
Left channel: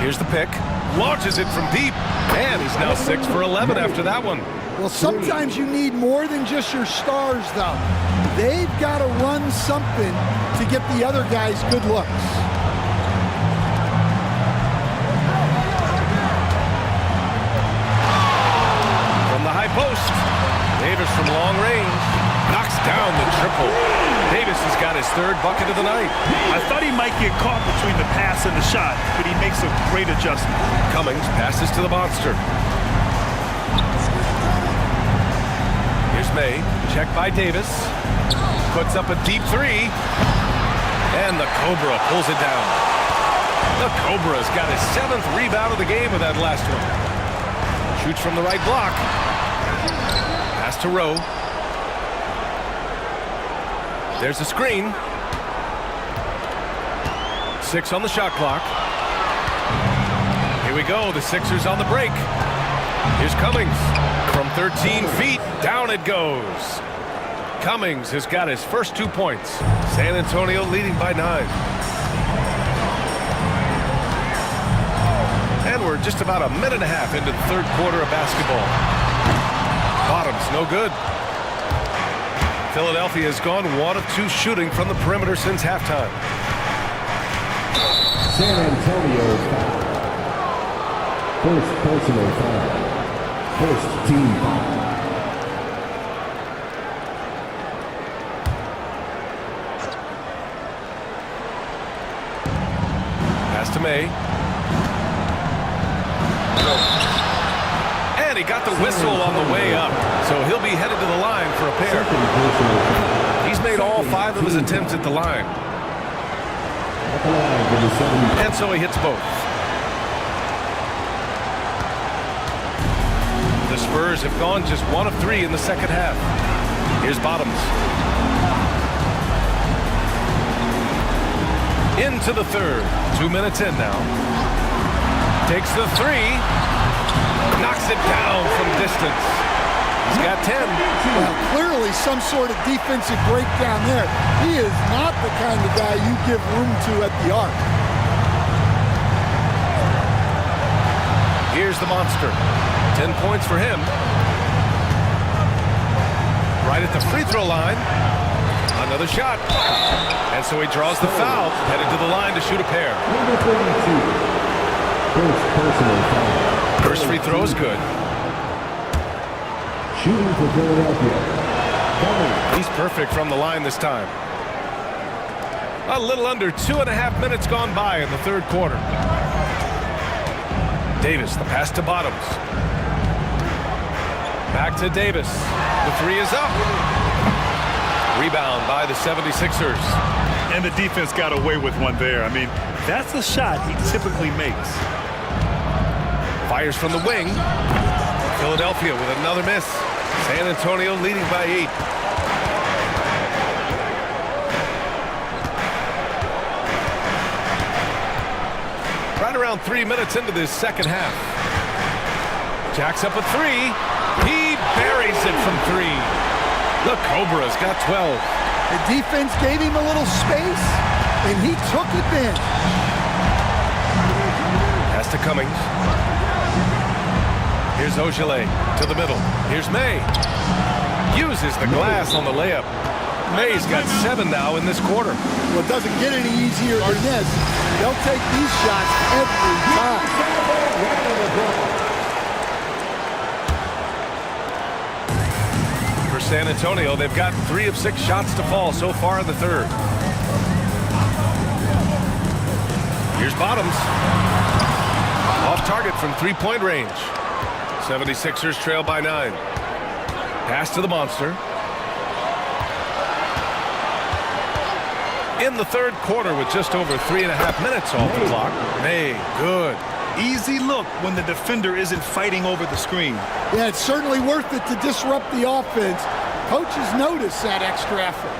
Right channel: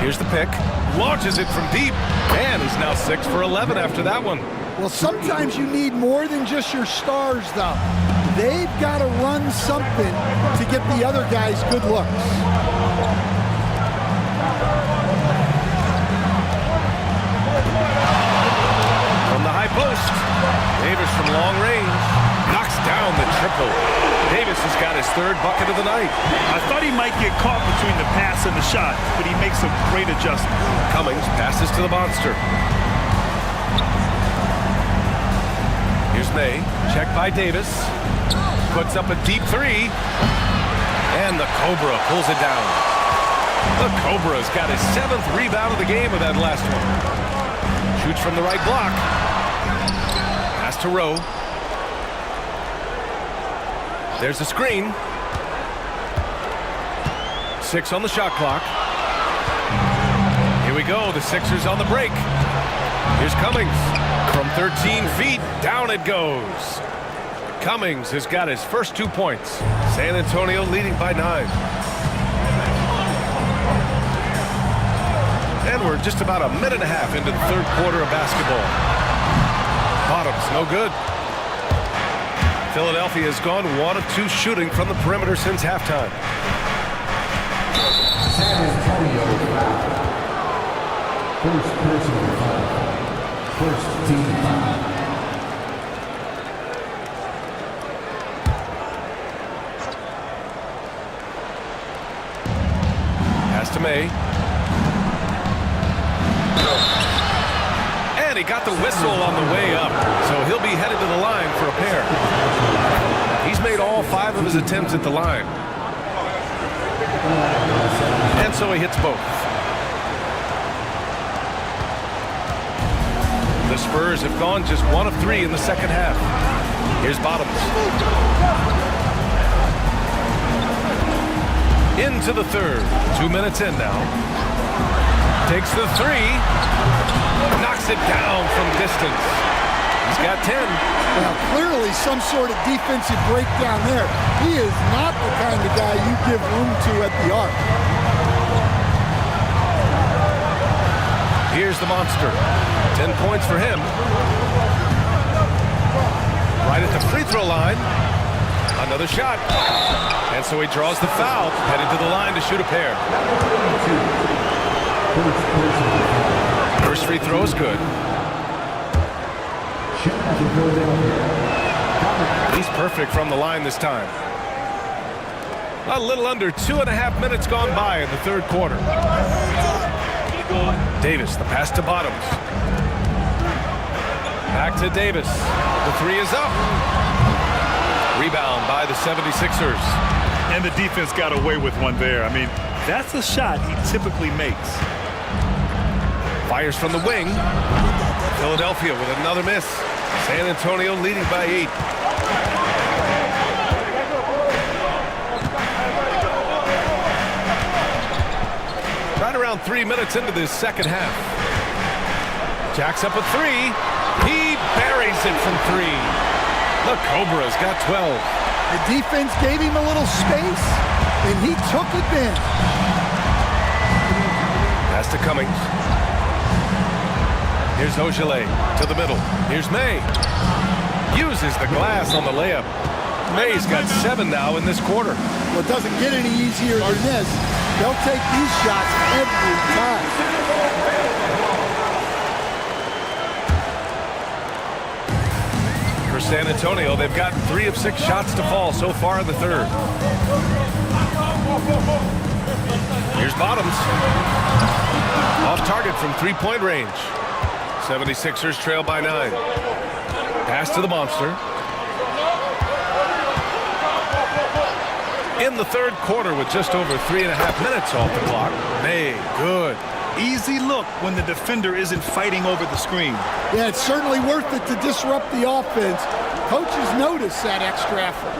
Here's the pick. Launches it from deep. And he's now 6 for 11 after that one. Well, sometimes you need more than just your stars, though. They've got to run something to get the other guys good looks. From the high post, Davis from long range knocks down the triple. Davis has got his third bucket of the night. I thought he might get caught between the pass and the shot, but he makes a great adjustment. Cummings passes to the monster. Here's May, checked by Davis. Puts up a deep three. And the Cobra pulls it down. The Cobra's got his 7th rebound of the game with that last one. Shoots from the right block. Pass to Rowe. There's a screen. 6 on the shot clock. Here we go, the Sixers on the break. Here's Cummings. From 13 feet, down it goes. Cummings has got his first 2 points. San Antonio leading by 9. And we're just about a minute and a half into the third quarter of basketball. Bottoms, no good. Philadelphia has gone 1 of 2 shooting from the perimeter since halftime. San Antonio foul. First personal foul. First team foul. Pass to May. And he got the whistle on the way up, so he'll be headed to the line for a pair. He's made all 5 of his attempts at the line. And so he hits both. The Spurs have gone just 1 of 3 in the second half. Here's Bottoms. Into the third. 2 minutes in now. Takes the 3. Knocks it down from distance. He's got 10. Well, clearly some sort of defensive breakdown there. He is not the kind of guy you give room to at the arc. Here's the monster. 10 points for him. Right at the free throw line. Another shot. And so he draws the foul. Headed to the line to shoot a pair. First free throw is good. Shooting for Philadelphia. He's perfect from the line this time. A little under 2.5 minutes gone by in the third quarter. Davis, the pass to Bottoms. Back to Davis. The 3 is up. Rebound by the 76ers. And the defense got away with one there. I mean, that's a shot he typically makes. Fires from the wing. Philadelphia with another miss. San Antonio leading by 8. Right around 3 minutes into this second half. Jacks up a 3. He buries it from 3. The Cobra's got 12. The defense gave him a little space, and he took advantage. Pass to Cummings. Here's Ogilvy to the middle. Here's May. Uses the glass on the layup. May's got 7 now in this quarter. Well, it doesn't get any easier than this. They'll take these shots every time. For San Antonio, they've gotten 3 of 6 shots to fall so far in the third. Here's Bottoms. Off target from 3-point range. 76ers trail by 9. Pass to the monster. In the third quarter with just over 3.5 minutes off the clock. May, good. Easy look when the defender isn't fighting over the screen. Yeah, it's certainly worth it to disrupt the offense. Coaches notice that extra effort.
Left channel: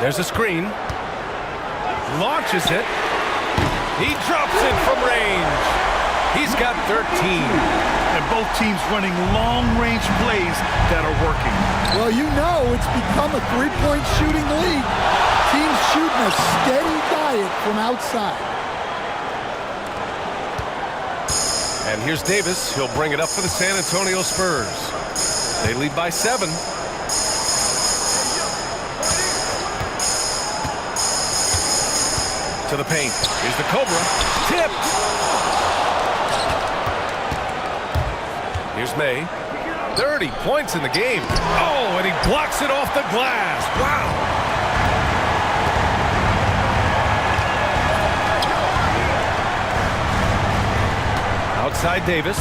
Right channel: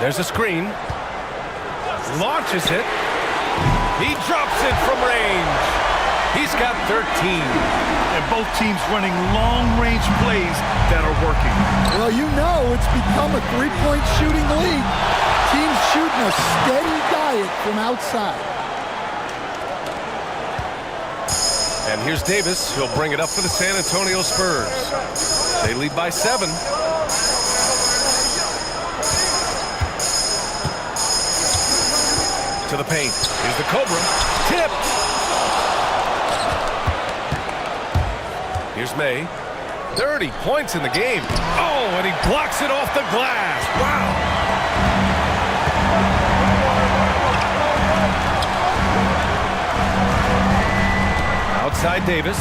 There's a screen. Launches it. He drops it from range. He's got 13. And both teams running long-range plays that are working. Well, you know it's become a three-point shooting league. Teams shooting a steady diet from outside. And here's Davis. He'll bring it up for the San Antonio Spurs. They lead by 7. To the paint. Here's the Cobra. Tipped. Here's May. 30 points in the game. Oh, and he blocks it off the glass. Wow. Outside Davis.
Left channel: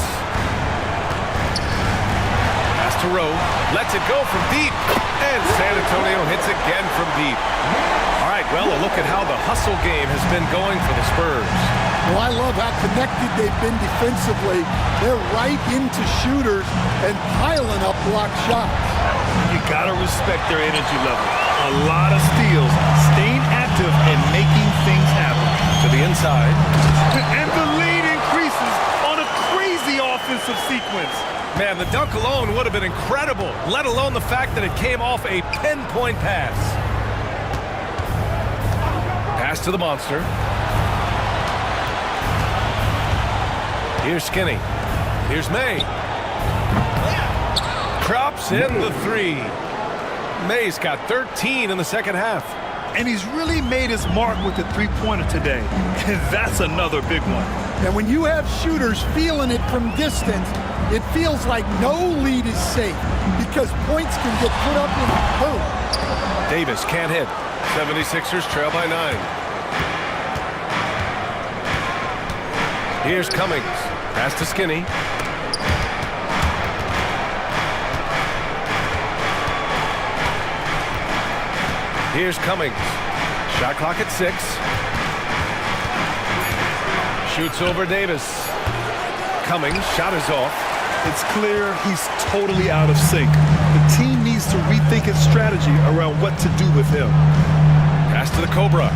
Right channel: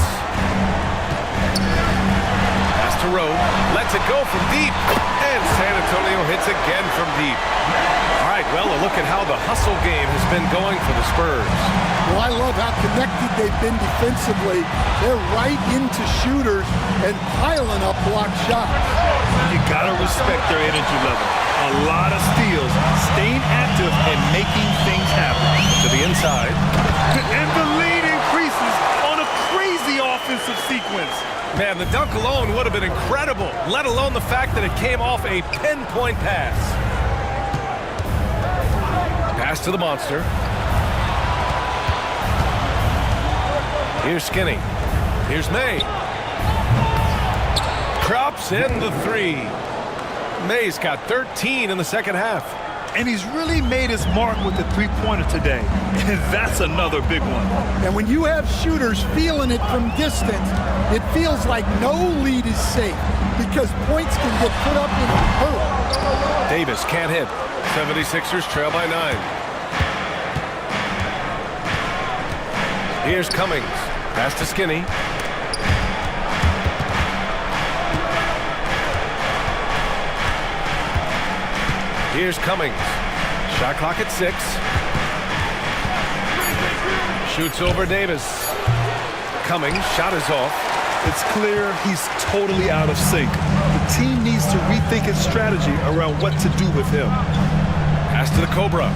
Pass to Rowe. Lets it go from deep. And San Antonio hits again from deep. All right, well, a look at how the hustle game has been going for the Spurs. Well, I love how connected they've been defensively. They're right into shooters and piling up block shots. You gotta respect their energy level. A lot of steals, staying active and making things happen. To the inside. And the lead increases on a crazy offensive sequence. Man, the dunk alone would have been incredible, let alone the fact that it came off a pinpoint pass. Pass to the monster. Here's Skinny. Here's May. Drops in the 3. May's got 13 in the second half. And he's really made his mark with the three-pointer today. And that's another big one. And when you have shooters feeling it from distance, it feels like no lead is safe because points can get put up in a hurry. Davis can't hit. 76ers trail by 9. Here's Cummings. Pass to Skinny. Here's Cummings. Shot clock at 6. Shoots over Davis. Cummings, shot is off. It's clear he's totally out of sync. The team needs to rethink its strategy around what to do with him. Pass to the Cobra.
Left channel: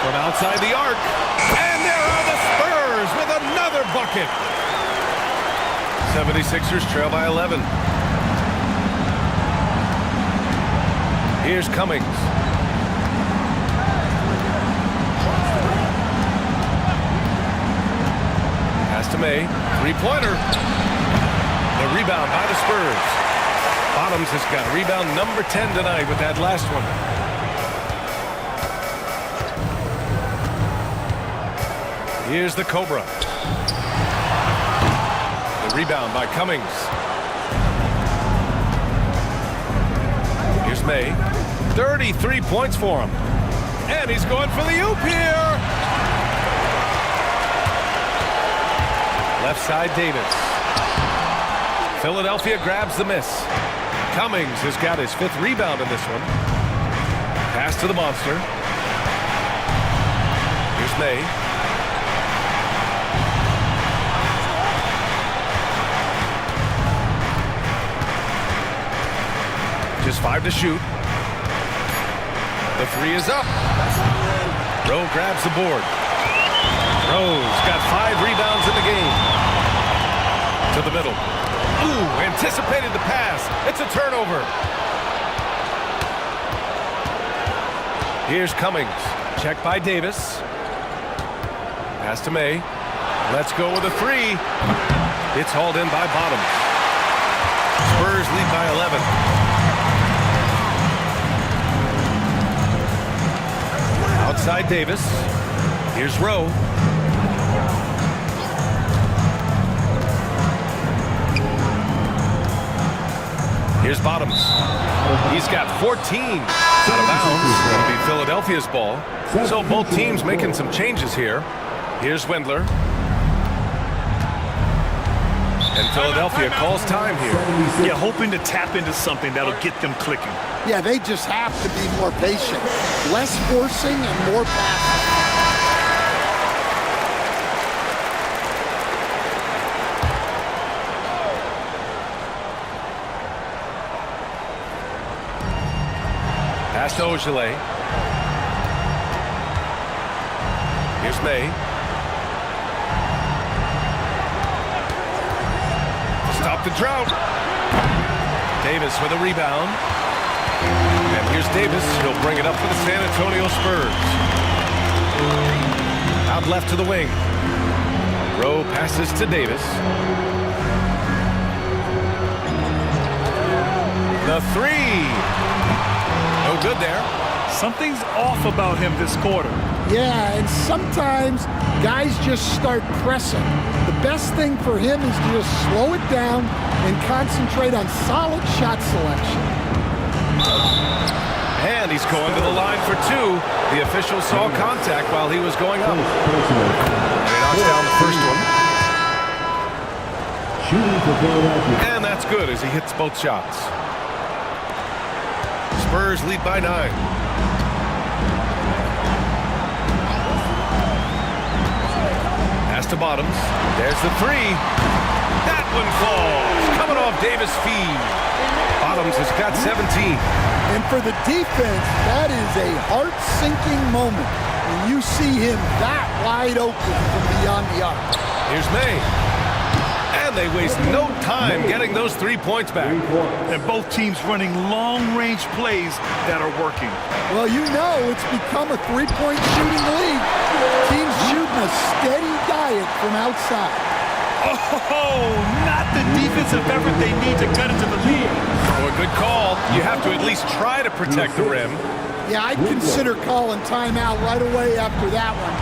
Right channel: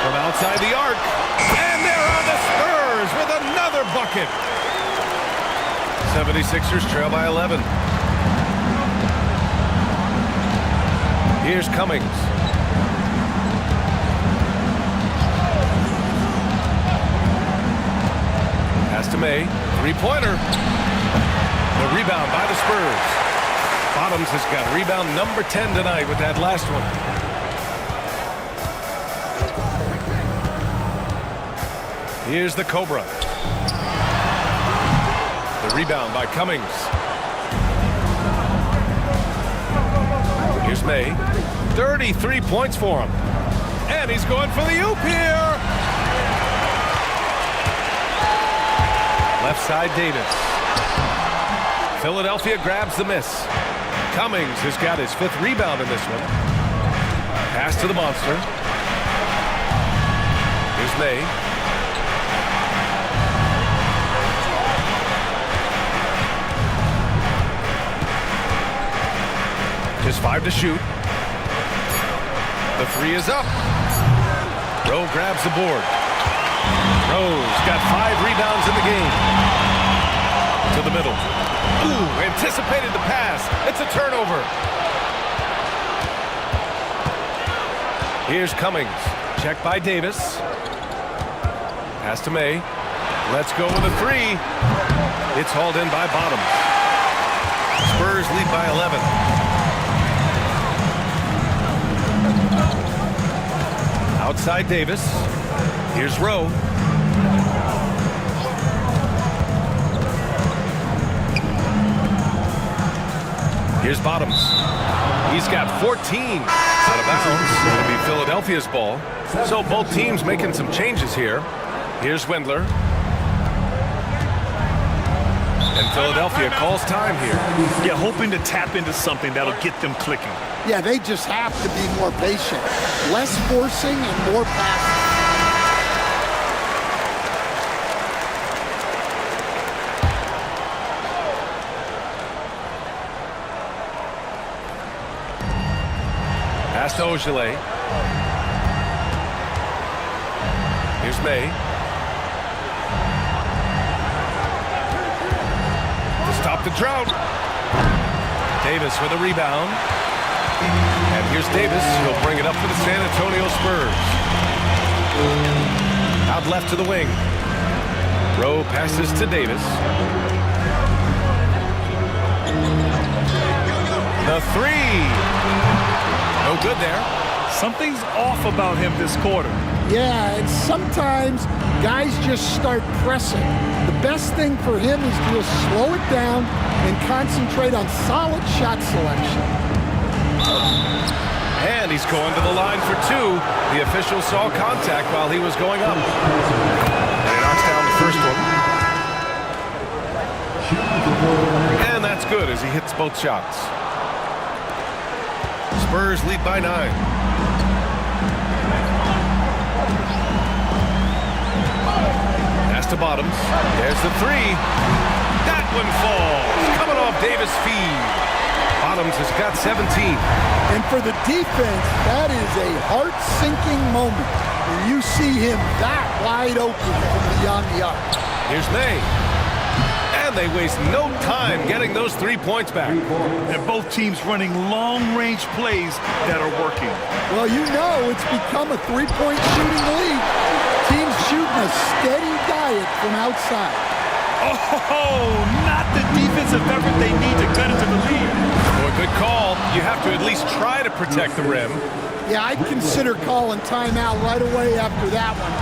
From outside the arc. And there are the Spurs with another bucket. 76ers trail by 11. Here's Cummings. Pass to May. Three-pointer. The rebound by the Spurs. Bottoms has got rebound number 10 tonight with that last one. Here's the Cobra. The rebound by Cummings. Here's May. 33 points for him. And he's going for the oop here. Left side Davis. Philadelphia grabs the miss. Cummings has got his 5th rebound in this one. Pass to the monster. Here's May. Just 5 to shoot. The 3 is up. Rowe grabs the board. Rowe's got 5 rebounds in the game. To the middle. Ooh, anticipated the pass. It's a turnover. Here's Cummings. Check by Davis. Pass to May. Let's go with a 3. It's hauled in by Bottoms. Spurs lead by 11. Outside Davis. Here's Rowe. Here's Bottoms. He's got 14 out of bounds. It'll be Philadelphia's ball. So both teams making some changes here. Here's Wendler. And Philadelphia calls time here. Yeah, hoping to tap into something that'll get them clicking. Yeah, they just have to be more patient. Less forcing and more passing. Pass to Ogilvy. Here's May. To stop the drought. Davis with a rebound. And here's Davis. He'll bring it up for the San Antonio Spurs. Out left to the wing. Rowe passes to Davis. The 3. No good there. Something's off about him this quarter. Yeah, and sometimes guys just start pressing. The best thing for him is to just slow it down and concentrate on solid shot selection. And he's going to the line for 2. The official saw contact while he was going up. And he knocks down the first one. And that's good as he hits both shots. Spurs lead by 9. Pass to Bottoms. There's the 3. That one falls. Coming off Davis' feed. Bottoms has got 17. And for the defense, that is a heart-sinking moment when you see him that wide open from beyond the arc. Here's May. And they waste no time getting those 3 points back. And both teams running long-range plays that are working. Well, you know it's become a three-point shooting league. Teams shooting a steady diet from outside. Oh, not the defensive effort they need to cut into the lead. Boy, good call. You have to at least try to protect the rim. Yeah, I'd consider calling timeout right away after that one.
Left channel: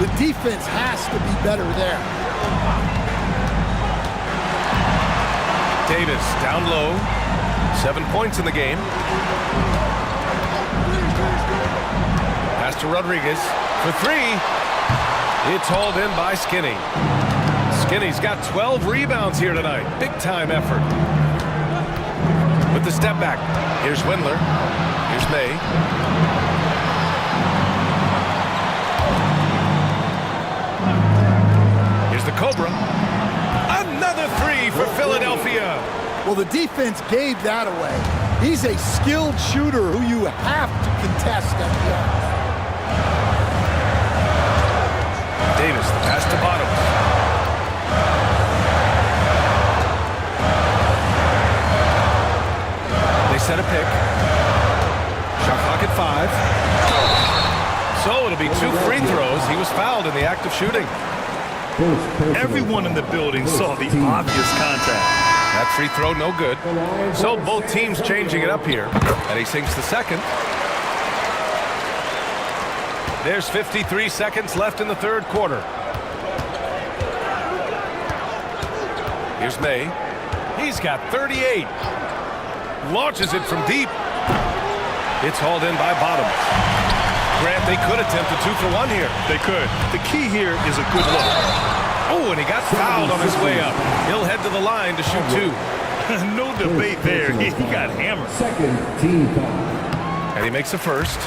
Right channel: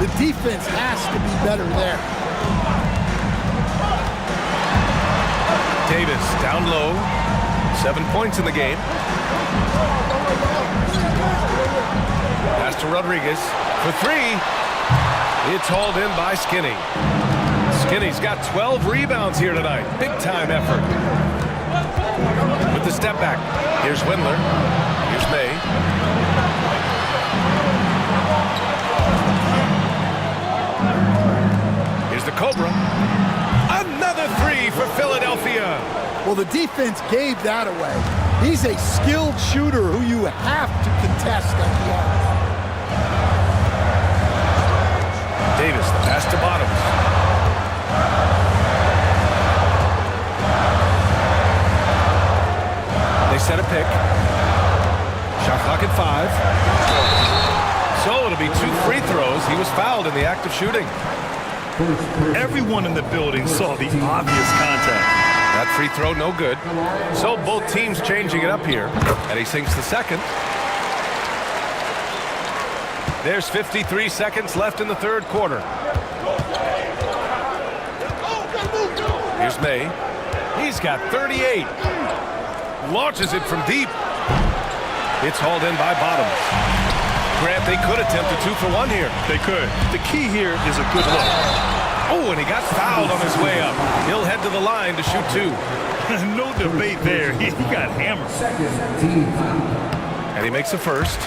The defense has to be better there. Davis down low. 7 points in the game. Pass to Rodriguez for 3. It's hauled in by Skinny. Skinny's got 12 rebounds here tonight. Big time effort. With the step back. Here's Wendler. Here's May. Here's the Cobra. Another 3 for Philadelphia. Well, the defense gave that away. He's a skilled shooter who you have to contest at the arc. Davis, the pass to Bottoms. They set a pick. Shot clock at 5. So it'll be 2 free throws. He was fouled in the act of shooting. Everyone in the building saw the obvious contact. That free throw no good. So both teams changing it up here. And he sinks the second. There's 53 seconds left in the third quarter. Here's May. He's got 38. Launches it from deep. It's hauled in by Bottoms. Grant, they could attempt a 2 for 1 here. They could. The key here is a good look. Oh, and he got fouled on his way up. He'll head to the line to shoot 2. No debate there. He got hammered. Second team foul. And he makes a first. The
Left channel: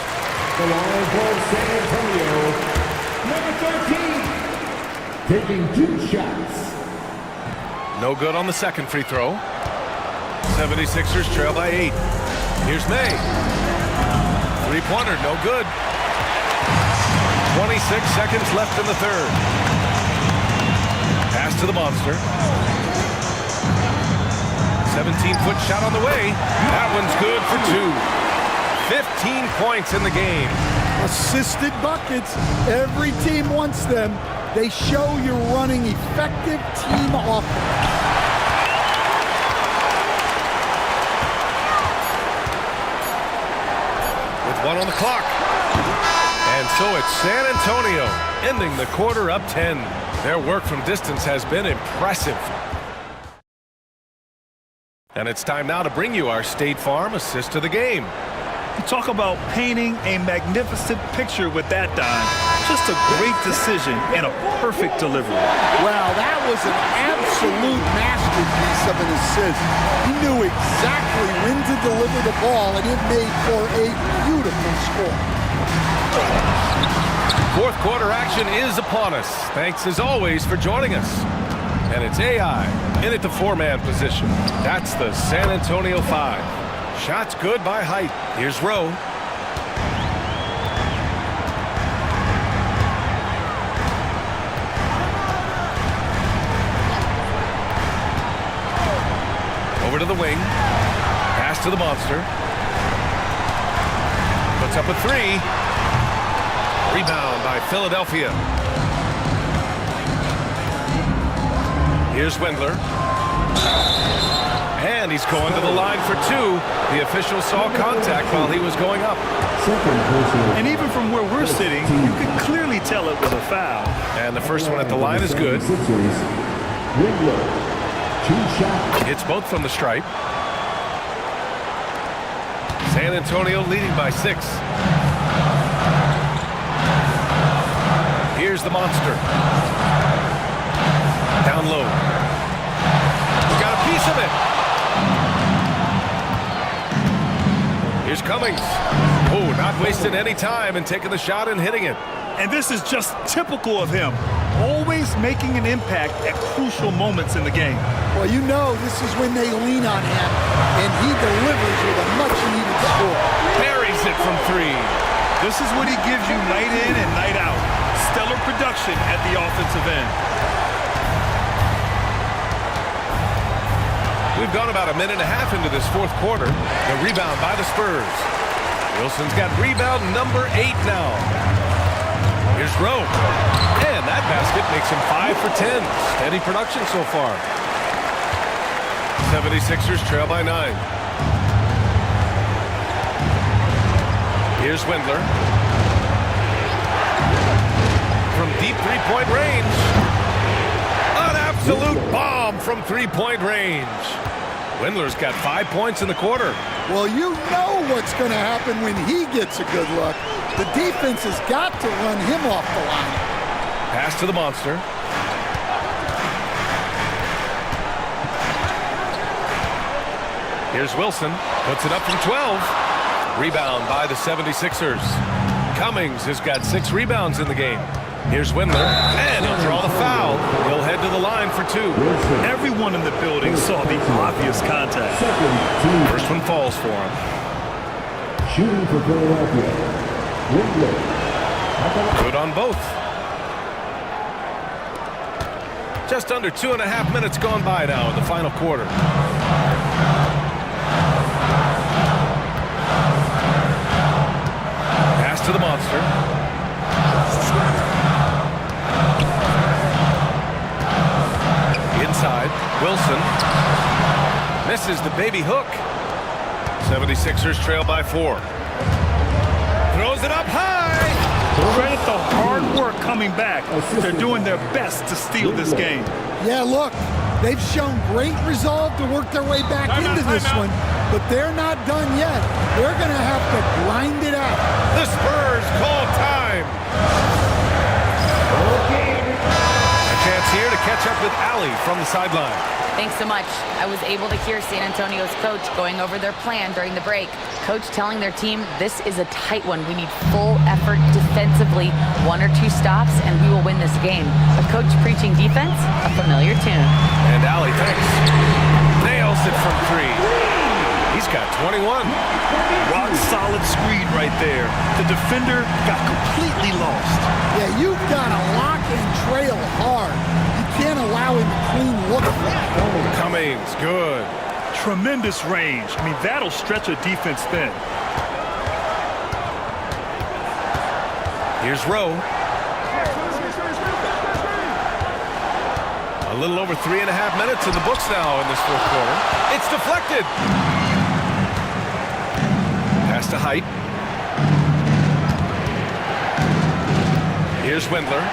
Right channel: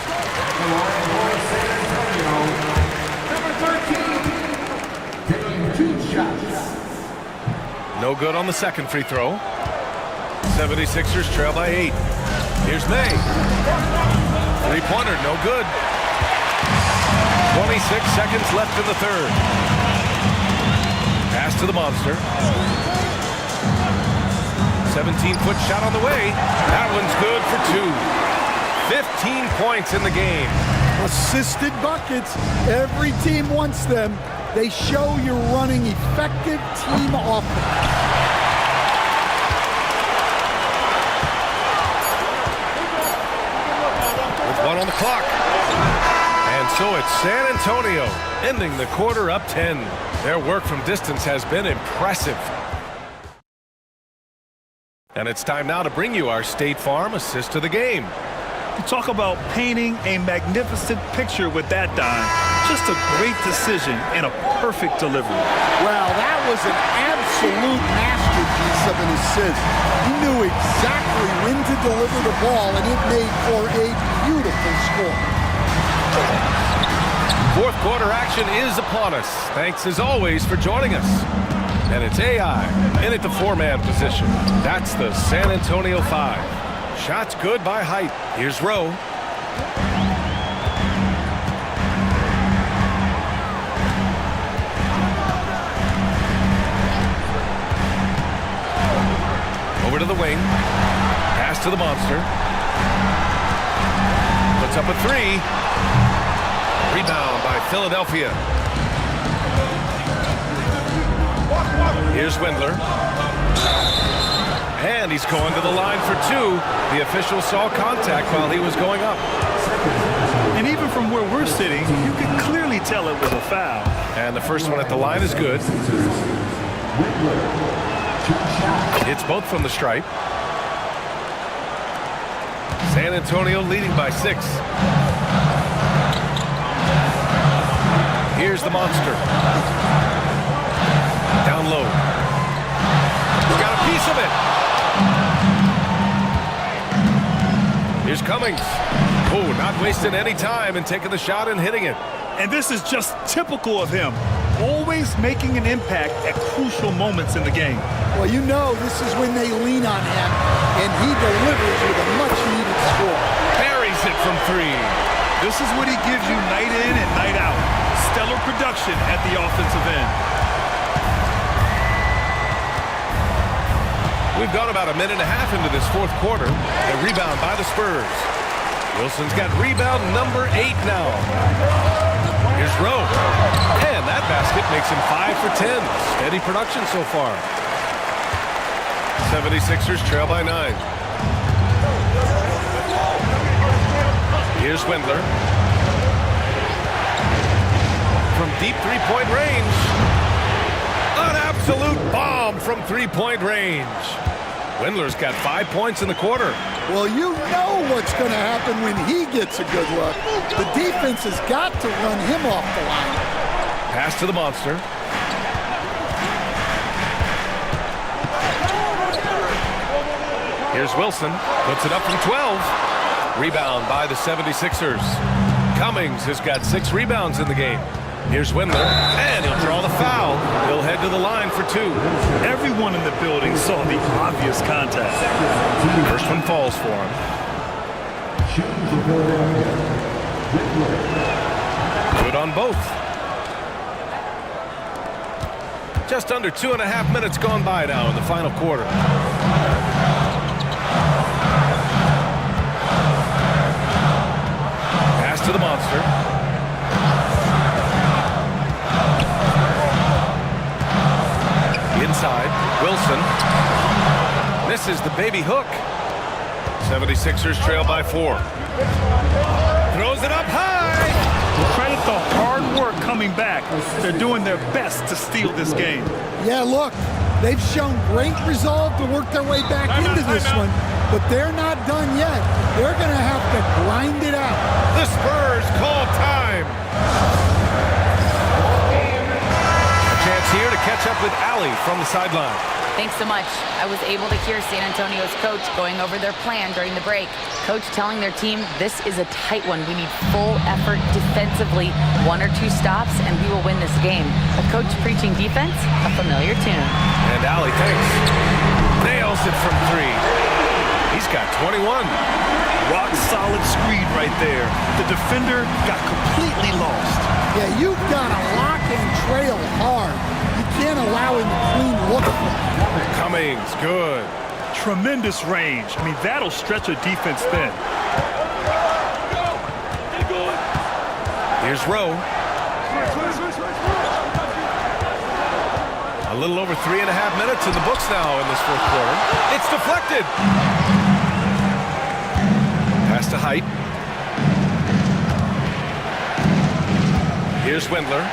line for San Antonio. Number 13. Taking 2 shots. No good on the second free throw. 76ers trail by 8. Here's May. Three-pointer, no good. 26 seconds left in the third. Pass to the monster. 17-foot shot on the way. That one's good for 2. 15 points in the game. Assisted buckets. Every team wants them. They show you're running effective team offense. With 1 on the clock. And so it's San Antonio ending the quarter up 10. Their work from distance has been impressive. And it's time now to bring you our State Farm assist to the game. Talk about painting a magnificent picture with that dime. Just a great decision and a perfect delivery. Wow, that was an absolute masterpiece of an assist. He knew exactly when to deliver the ball, and it made for a beautiful score. Fourth quarter action is upon us. Thanks as always for joining us. And it's AI in at the 4-man position. That's the San Antonio 5. Shots good by Height. Here's Rowe. Over to the wing. Pass to the monster. Puts up a 3. Rebound by Philadelphia. Here's Wendler. And he's going to the line for 2. The official saw contact while he was going up. And even from where we're sitting, you could clearly tell it was a foul. And the first one at the line is good. It's both from the stripe. San Antonio leading by 6. Here's the monster. Down low. Got a piece of it. Here's Cummings. Oh, not wasting any time and taking the shot and hitting it. And this is just typical of him. Always making an impact at crucial moments in the game. Well, you know this is when they lean on him, and he delivers with a much-needed score. Buries it from 3. This is what he gives you night in and night out. Stellar production at the offensive end. We've gone about a minute and a half into this fourth quarter. The rebound by the Spurs. Wilson's got rebound number 8 now. Here's Rowe. And that basket makes him 5 for 10. Steady production so far. 76ers trail by 9. Here's Wendler. From deep three-point range. An absolute bomb from three-point range. Wendler's got 5 points in the quarter. Well, you know what's going to happen when he gets a good look. The defense has got to run him off the line. Pass to the monster. Here's Wilson. Puts it up from 12. Rebound by the 76ers. Cummings has got 6 rebounds in the game. Here's Wendler, and he'll draw the foul. He'll head to the line for 2. Everyone in the building saw the obvious contact. First one falls for him. Shooting for Philadelphia. Good on both. Just under 2.5 minutes gone by now in the final quarter. Pass to the monster. Inside, Wilson misses the baby hook. 76ers trail by 4. Throws it up high. Credit the hard work coming back. They're doing their best to steal this game. Yeah, look, they've shown great resolve to work their way back into this one, but they're not done yet. They're going to have to grind it out. The Spurs call time. A chance here to catch up with Allie from the sideline. Thanks so much. I was able to hear San Antonio's coach going over their plan during the break. Coach telling their team, this is a tight one. We need full effort defensively, 1 or 2 stops, and we will win this game. A coach preaching defense, a familiar tune. And Allie, thanks. Nails it from 3. He's got 21. Rock solid screed right there. The defender got completely lost. Yeah, you've got to lock and trail hard. You can't allow him to clean look for you. Cummings, good. Tremendous range. I mean, that'll stretch a defense thin. Here's Rowe. A little over 3.5 minutes in the books now in this fourth quarter. It's deflected. Pass to Height. Here's Windler.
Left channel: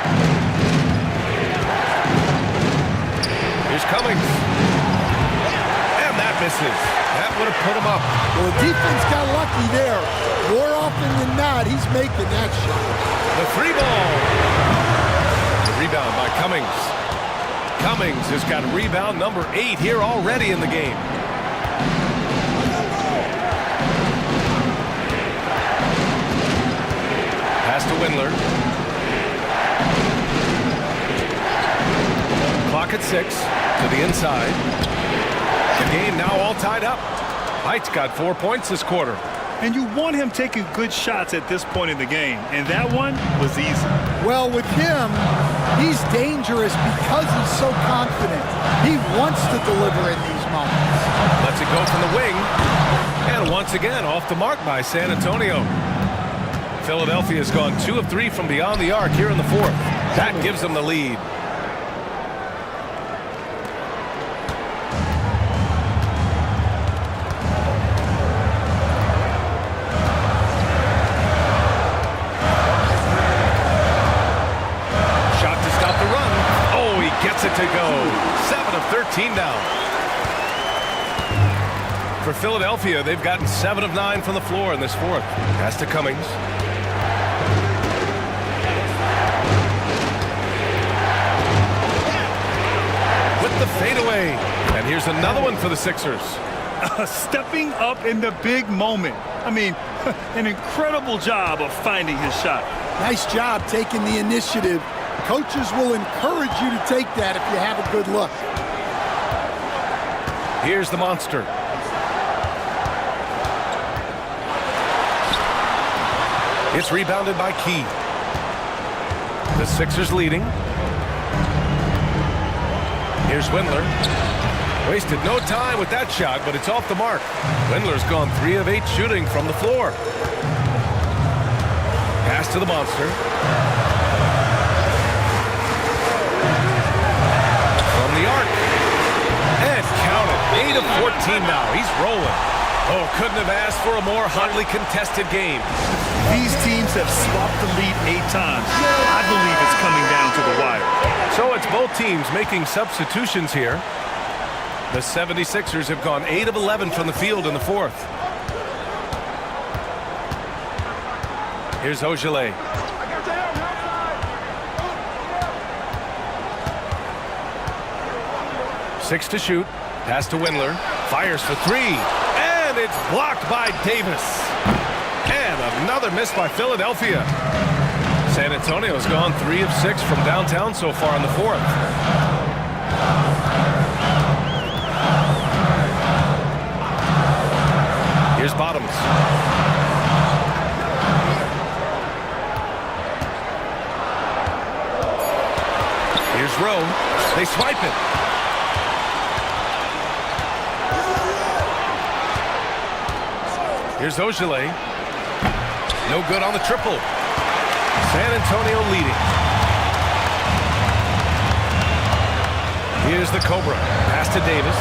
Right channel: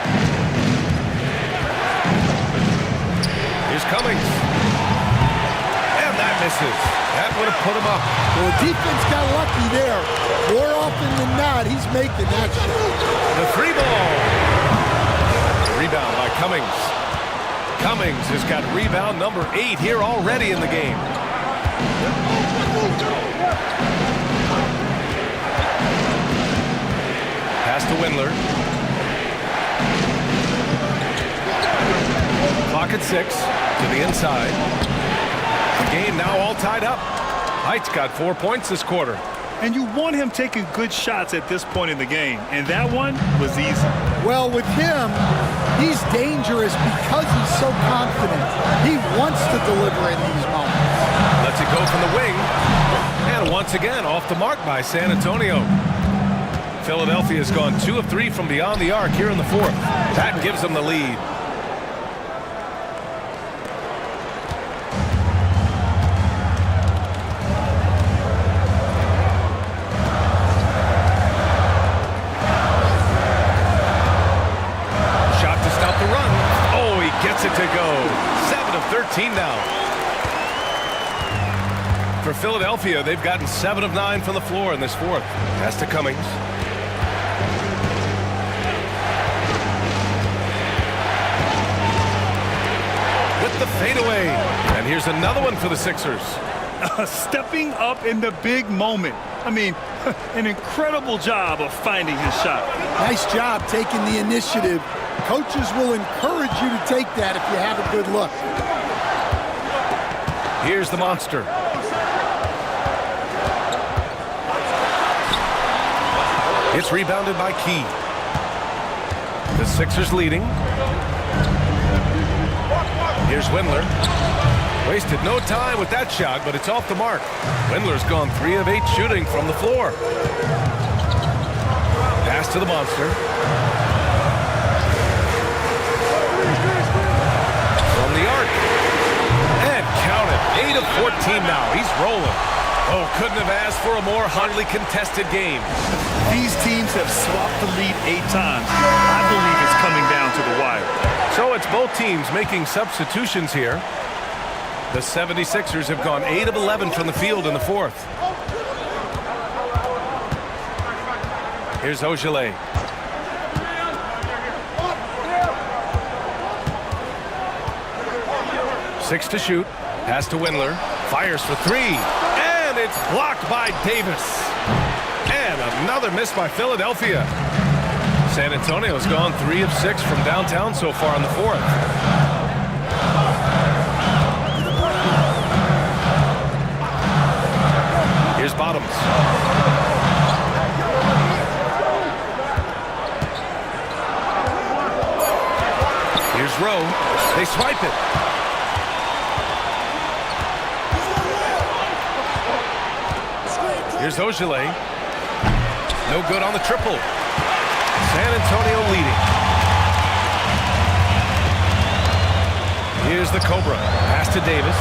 Here's Cummings. And that misses. That would have put him up. Well, the defense got lucky there. More often than not, he's making that shot. The 3-ball. The rebound by Cummings. Cummings has got rebound number 8 here already in the game. Pass to Windler. Clock at 6 to the inside. The game now all tied up. Height's got 4 points this quarter. And you want him taking good shots at this point in the game. And that one was easy. Well, with him, he's dangerous because he's so confident. He wants to deliver in these moments. Lets it go from the wing. And once again, off the mark by San Antonio. Philadelphia has gone 2 of 3 from beyond the arc here in the fourth. That gives them the lead. Shot to stop the run. Oh, he gets it to go. 7 of 13 now. For Philadelphia, they've gotten 7 of 9 from the floor in this fourth. Pass to Cummings. With the fadeaway. And here's another one for the Sixers. Stepping up in the big moment. I mean, an incredible job of finding his shot. Nice job taking the initiative. Coaches will encourage you to take that if you have a good look. Here's the monster. It's rebounded by Key. The Sixers leading. Here's Windler. Wasted no time with that shot, but it's off the mark. Windler's gone 3 of 8 shooting from the floor. Pass to the monster. From the arc. And count it. 8 of 14 now. He's rolling. Oh, couldn't have asked for a more hotly contested game. These teams have swapped the lead 8 times. I believe it's coming down to the wire. So it's both teams making substitutions here. The 76ers have gone 8 of 11 from the field in the fourth. Here's Ogilvy. Six to shoot. Pass to Windler. Fires for 3. And it's blocked by Davis. And another miss by Philadelphia. San Antonio's gone 3 of 6 from downtown so far in the fourth. Here's Bottoms. Here's Rowe. They swipe it. Here's Ogilvy. No good on the triple. San Antonio leading. Here's the Cobra. Pass to Davis.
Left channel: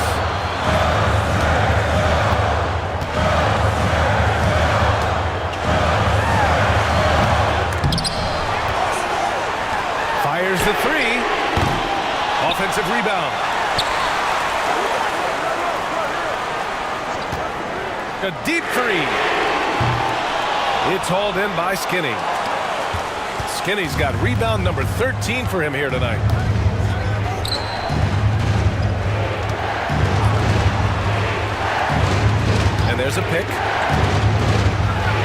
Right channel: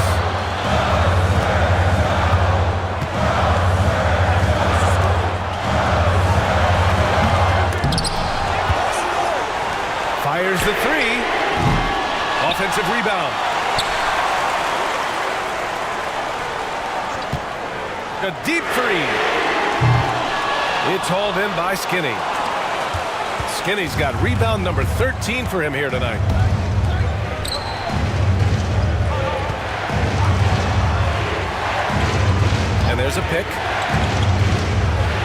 Fires the 3. Offensive rebound. A deep 3. It's hauled in by Skinny. Skinny's got rebound number 13 for him here tonight. And there's a pick.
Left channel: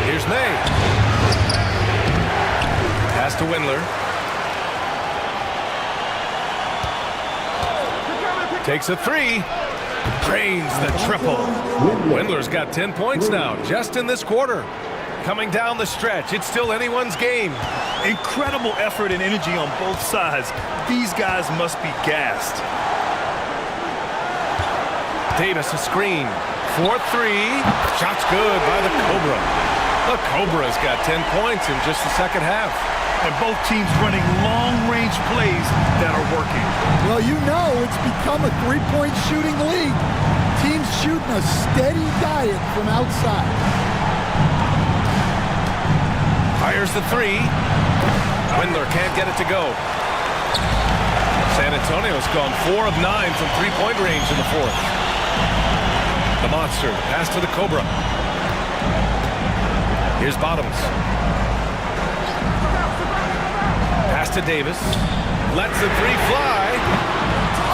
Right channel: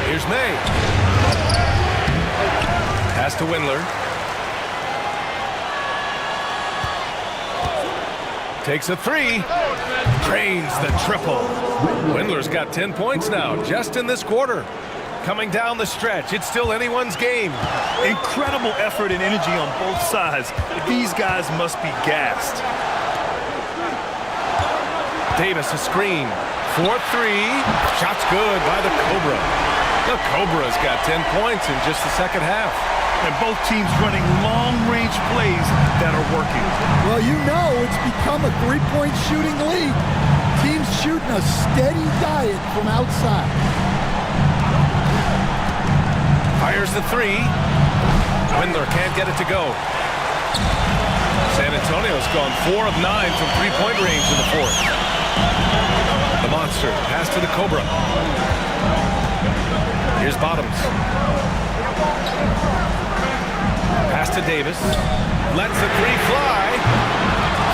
Here's May. Pass to Windler. Takes a three. Drains the triple. Windler's got 10 points now, just in this quarter. Coming down the stretch, it's still anyone's game. Incredible effort and energy on both sides. These guys must be gassed. Davis, a screen. 4-3. Shot's good by the Cobra. The Cobra's got 10 points in just the second half. And both teams running long-range plays that are working. Well, you know it's become a three-point shooting league. Teams shooting a steady diet from outside. Fires the three. Windler can't get it to go. San Antonio's gone 4 of 9 from three-point range in the fourth. The Monster, pass to the Cobra. Here's Bottoms. Pass to Davis. Lets the three fly.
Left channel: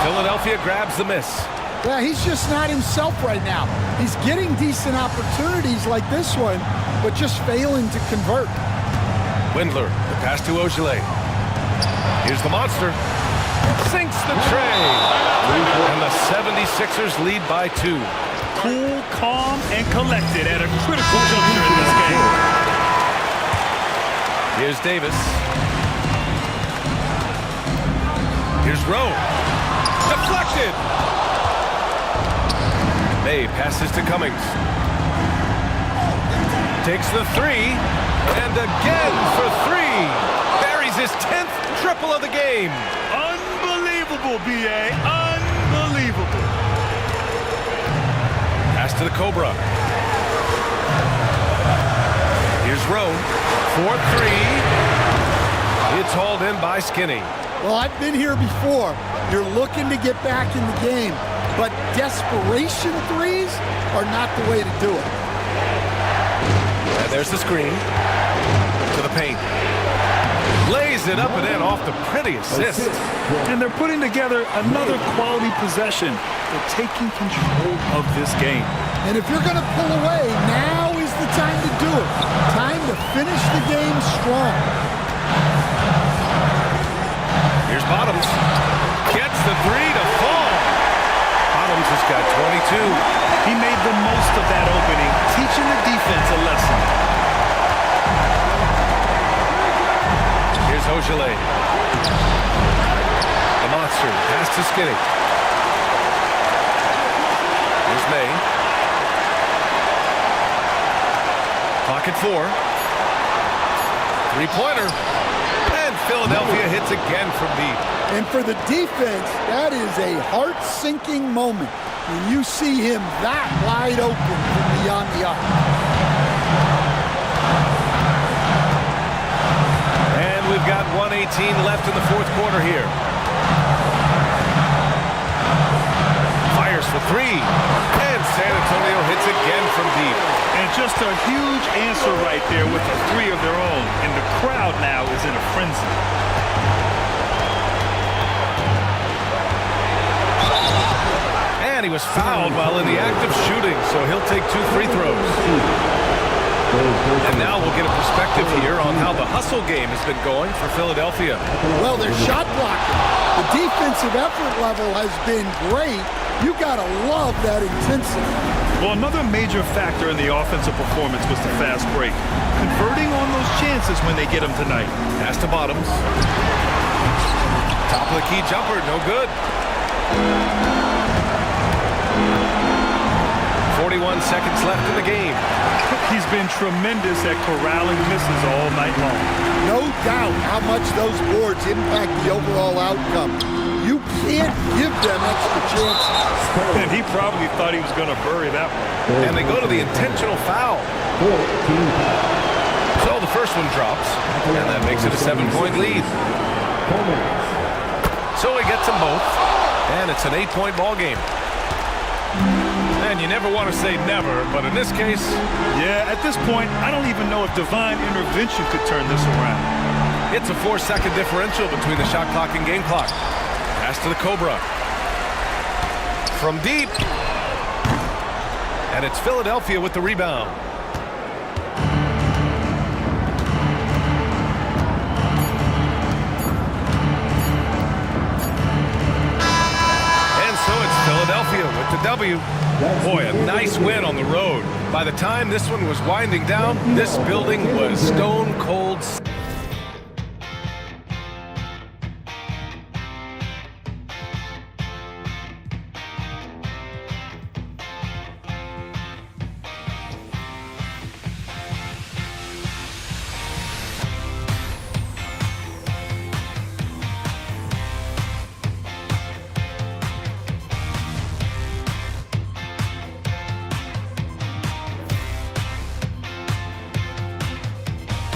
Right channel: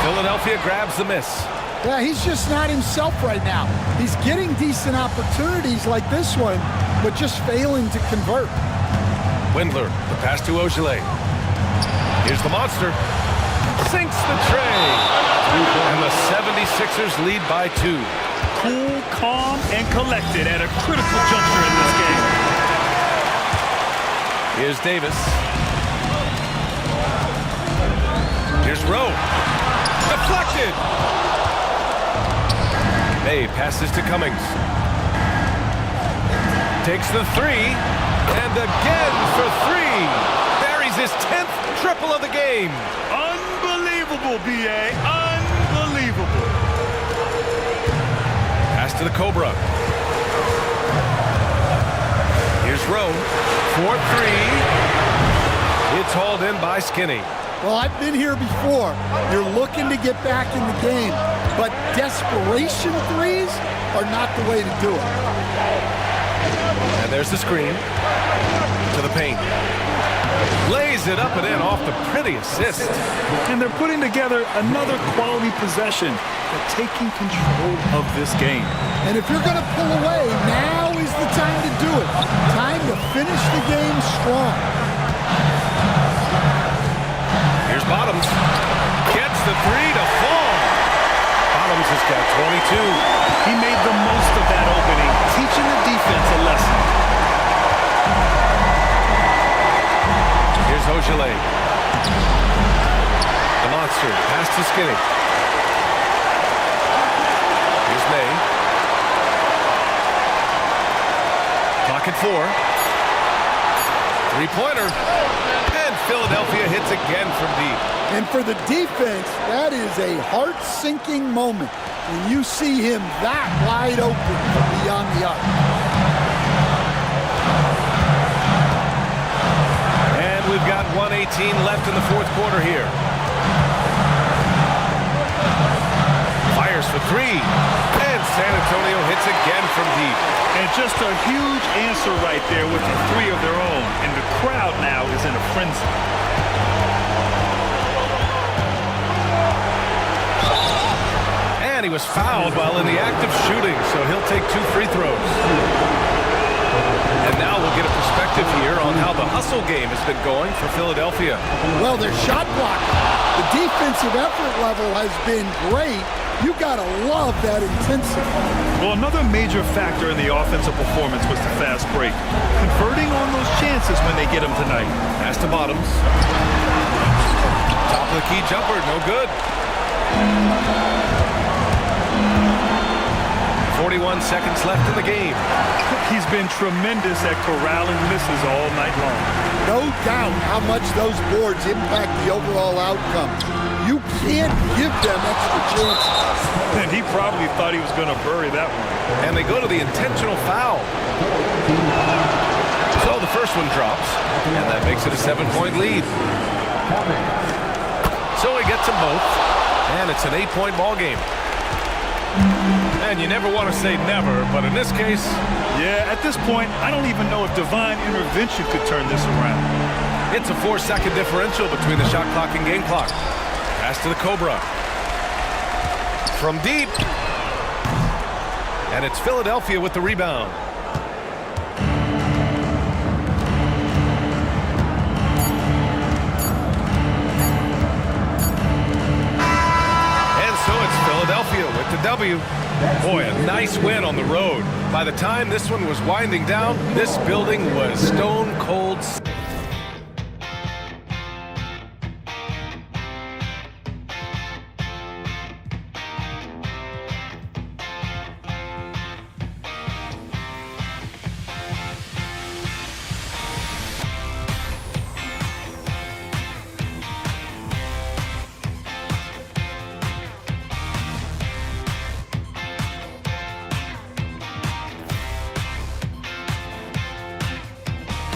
Philadelphia grabs the miss. Yeah, he's just not himself right now. He's getting decent opportunities like this one, but just failing to convert. Windler, the pass to Ogilvy. Here's the Monster. Sinks the tray. And the 76ers lead by 2. Cool, calm, and collected at a critical juncture in this game. Here's Davis. Here's Rowe. Deflected. May passes to Cummings. Takes the three. And again for 3. Buries his 10th triple of the game. Unbelievable, B.A. Unbelievable. Pass to the Cobra. Here's Rowe. 4-3. It's hauled in by Skinny. Well, I've been here before. You're looking to get back in the game, but desperation threes are not the way to do it. And there's the screen. To the paint. Lays it up and in off the pretty assist. And they're putting together another quality possession. They're taking control of this game. And if you're going to pull away, now is the time to do it. Time to finish the game strong. Here's Bottoms. Gets the three to fall. Bottoms has got 22. He made the most of that opening, teaching the defense a lesson. Here's Ogilvy. The Monster. Pass to Skinny. Here's May. Clock at 4. Three-pointer. And Philadelphia hits again from deep. And for the defense, that is a heart-sinking moment when you see him that wide open from beyond the arc. And we've got 1:18 left in the fourth quarter here. Fires for 3. And San Antonio hits again from deep. And just a huge answer right there with a 3 of their own. And the crowd now is in a frenzy. And he was fouled while in the act of shooting, so he'll take 2 free throws. And now we'll get a perspective here on how the hustle game has been going for Philadelphia. Well, they're shot blocking. The defensive effort level has been great. You got to love that intensity. Well, another major factor in the offensive performance was the fast break. Converting on those chances when they get them tonight. Pass to Bottoms. Top of the key jumper, no good. 41 seconds left in the game. He's been tremendous at corralling misses all night long. No doubt how much those boards impact the overall outcome. You can't give them extra chances. And he probably thought he was going to bury that one. And they go to the intentional foul. So the first one drops, and that makes it a 7-point lead. So he gets them both, and it's an 8-point ball game. And you never want to say never, but in this case... Yeah, at this point, I don't even know if divine intervention could turn this around. It's a 4-second differential between the shot clock and game clock. Pass to the Cobra. From deep. And it's Philadelphia with the rebound. And so it's Philadelphia with the W. Boy, a nice win on the road. By the time this one was winding down, this building was stone cold.